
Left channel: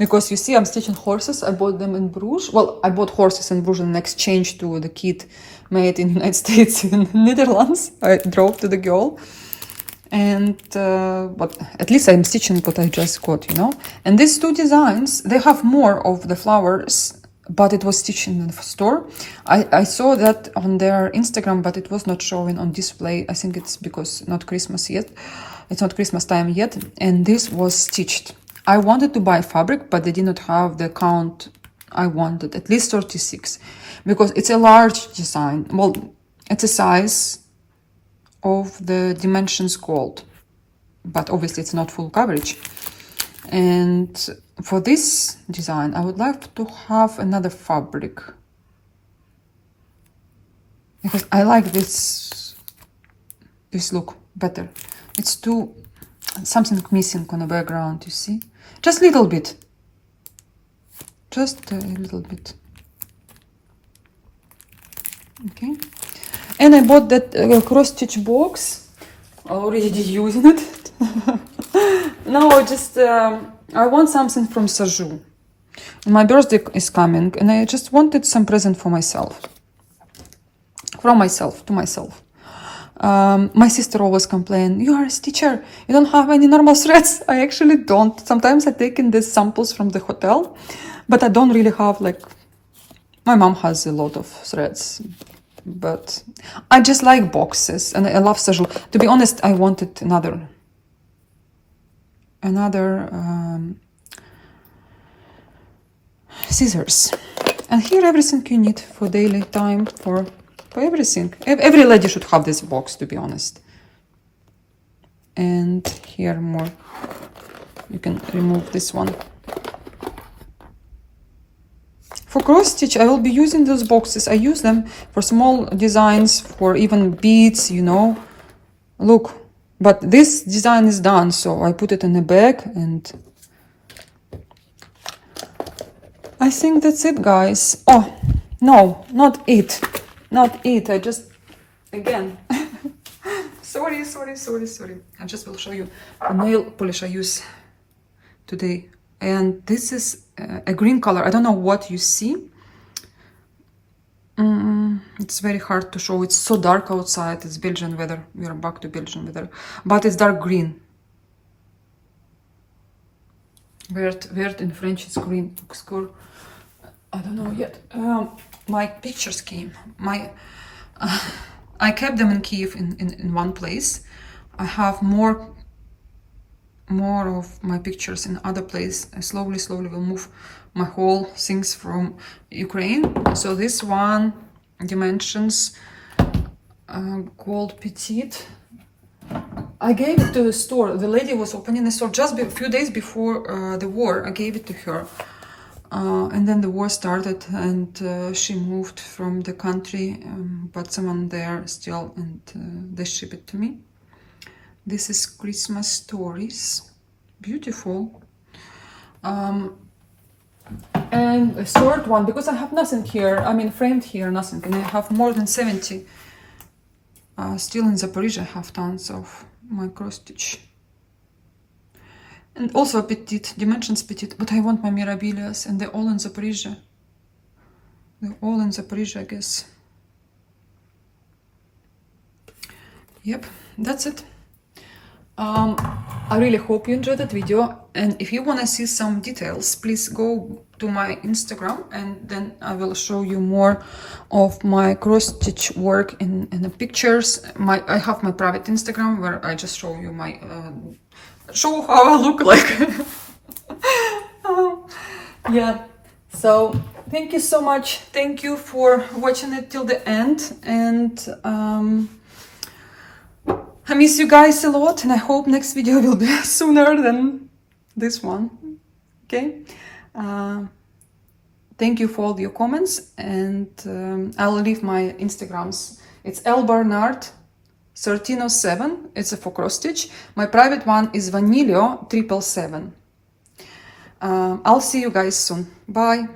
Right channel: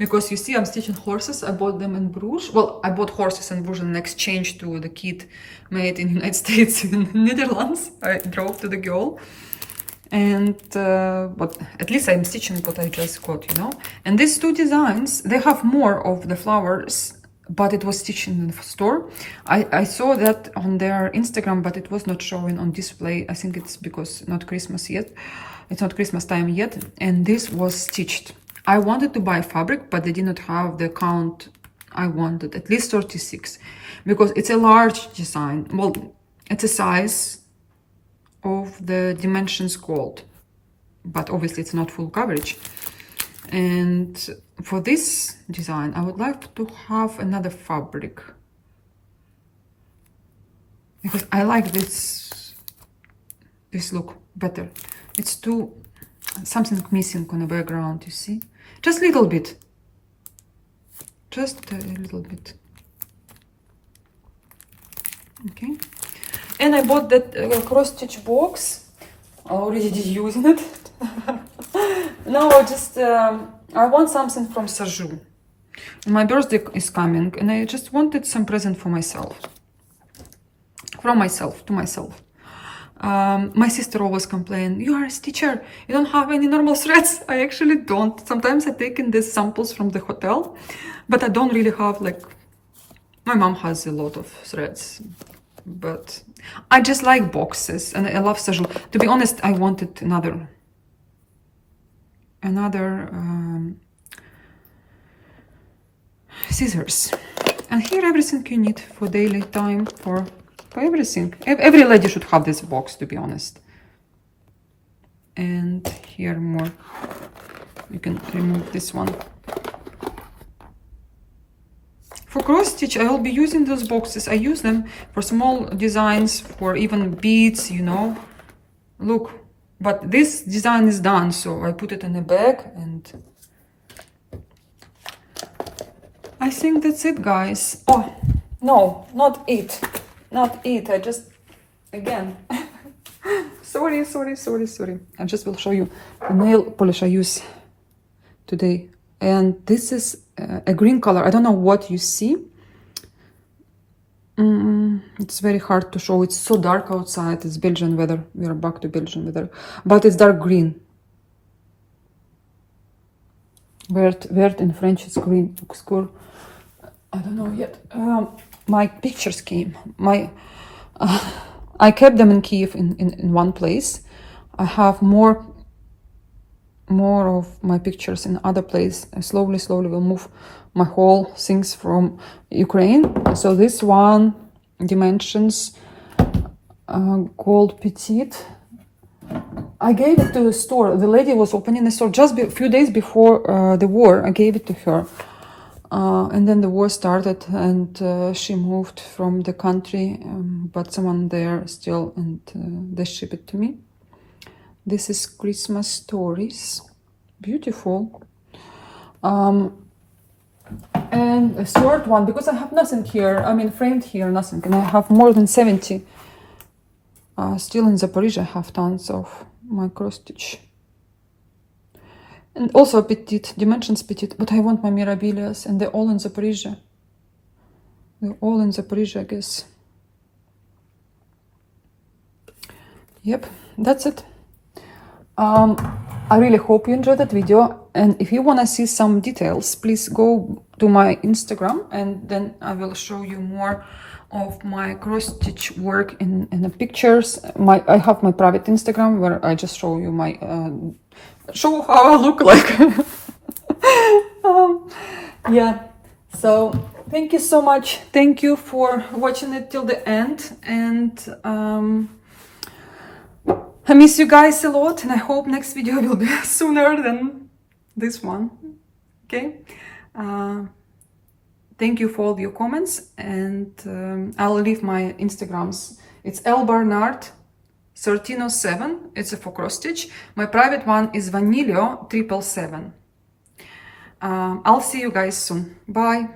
Because you see, I'm stitching horses. I bought them in Bruges. Well, I bought horses in Bruges in exchange to the kit made in the United States in Netherlands. I drove to the girl. And, but at least I'm stitching what I just got, you know. And these 2 designs, they have more of the flowers, but it was stitched in the store. I saw that on their Instagram, but it was not showing on display. I think it's because not Christmas yet. It's not Christmas time yet. And this was stitched. I wanted to buy fabric, but they did not have the count I wanted, at least 36, because it's a large design. Well, it's a size of the dimensions gold, but obviously it's not full coverage. And for this design, I would like to have another fabric, because I like this this look better. It's too, something missing on the background, you see? Just little bit. Just a little bit. Okay. And I bought that cross-stitch box. Already using it. No, just I want something from Saju. My birthday is coming, and I just wanted some present for myself. From myself to myself. My sister always complains, you are a stitcher, you don't have any normal threads. I actually don't. Sometimes I take in these samples from the hotel, but I don't really have, like, my mom has a lot of threads. But I just like boxes, and I love Saju. To be honest, I wanted another scissors. And here everything you need for daily time, for everything. Every lady should have this box, to be honest. And here more. You can remove this one. For cross stitch, I will be using those boxes. I use them for small designs, for even beads, you know. Look, but this design is done, so I put it in a bag, and I think that's it, guys. Oh, no, not it. Not it. I just, again, sorry. I just will show you the nail polish I use today. And this is a green color. I don't know what you see. It's very hard to show. It's so dark outside. It's Belgian weather. We are back to Belgian weather. But it's dark green. Vert in French is green. Looks cool. I don't know yet. My pictures came. I kept them in Kiev in one place. I have more of my pictures in other place. I slowly will move my whole things from Ukraine. So this one, dimensions, gold petite. I gave it to the store. The lady was opening the store just a few days before the war. I gave it to her. And then the war started, and she moved from the country, but someone there still, and they ship it to me. This is Christmas stories. Beautiful. And a third one, because I have nothing here, I mean framed here, nothing, and I have more than 70. Still in Zaporizhia, I have tons of my cross stitch. And also petite, dimensions petite, but I want my Mirabilias, and they're all in Zaporizhia. They're all in Zaporizhia, I guess. Yep, that's it. I really hope you enjoyed that video, and if you want to see some details, please go to my Instagram, and then I will show you more of my cross-stitch work in the pictures. I have my private Instagram where I just show you my show how I look like. Yeah, so thank you so much. Thank you for watching it till the end, and I miss you guys a lot, and I hope next video will be sooner than this one. Okay. Thank you for all your comments, and I'll leave my Instagrams. It's lbarnard1307. It's a for cross stitch. My private one is Vanilio777. I'll see you guys soon. Bye.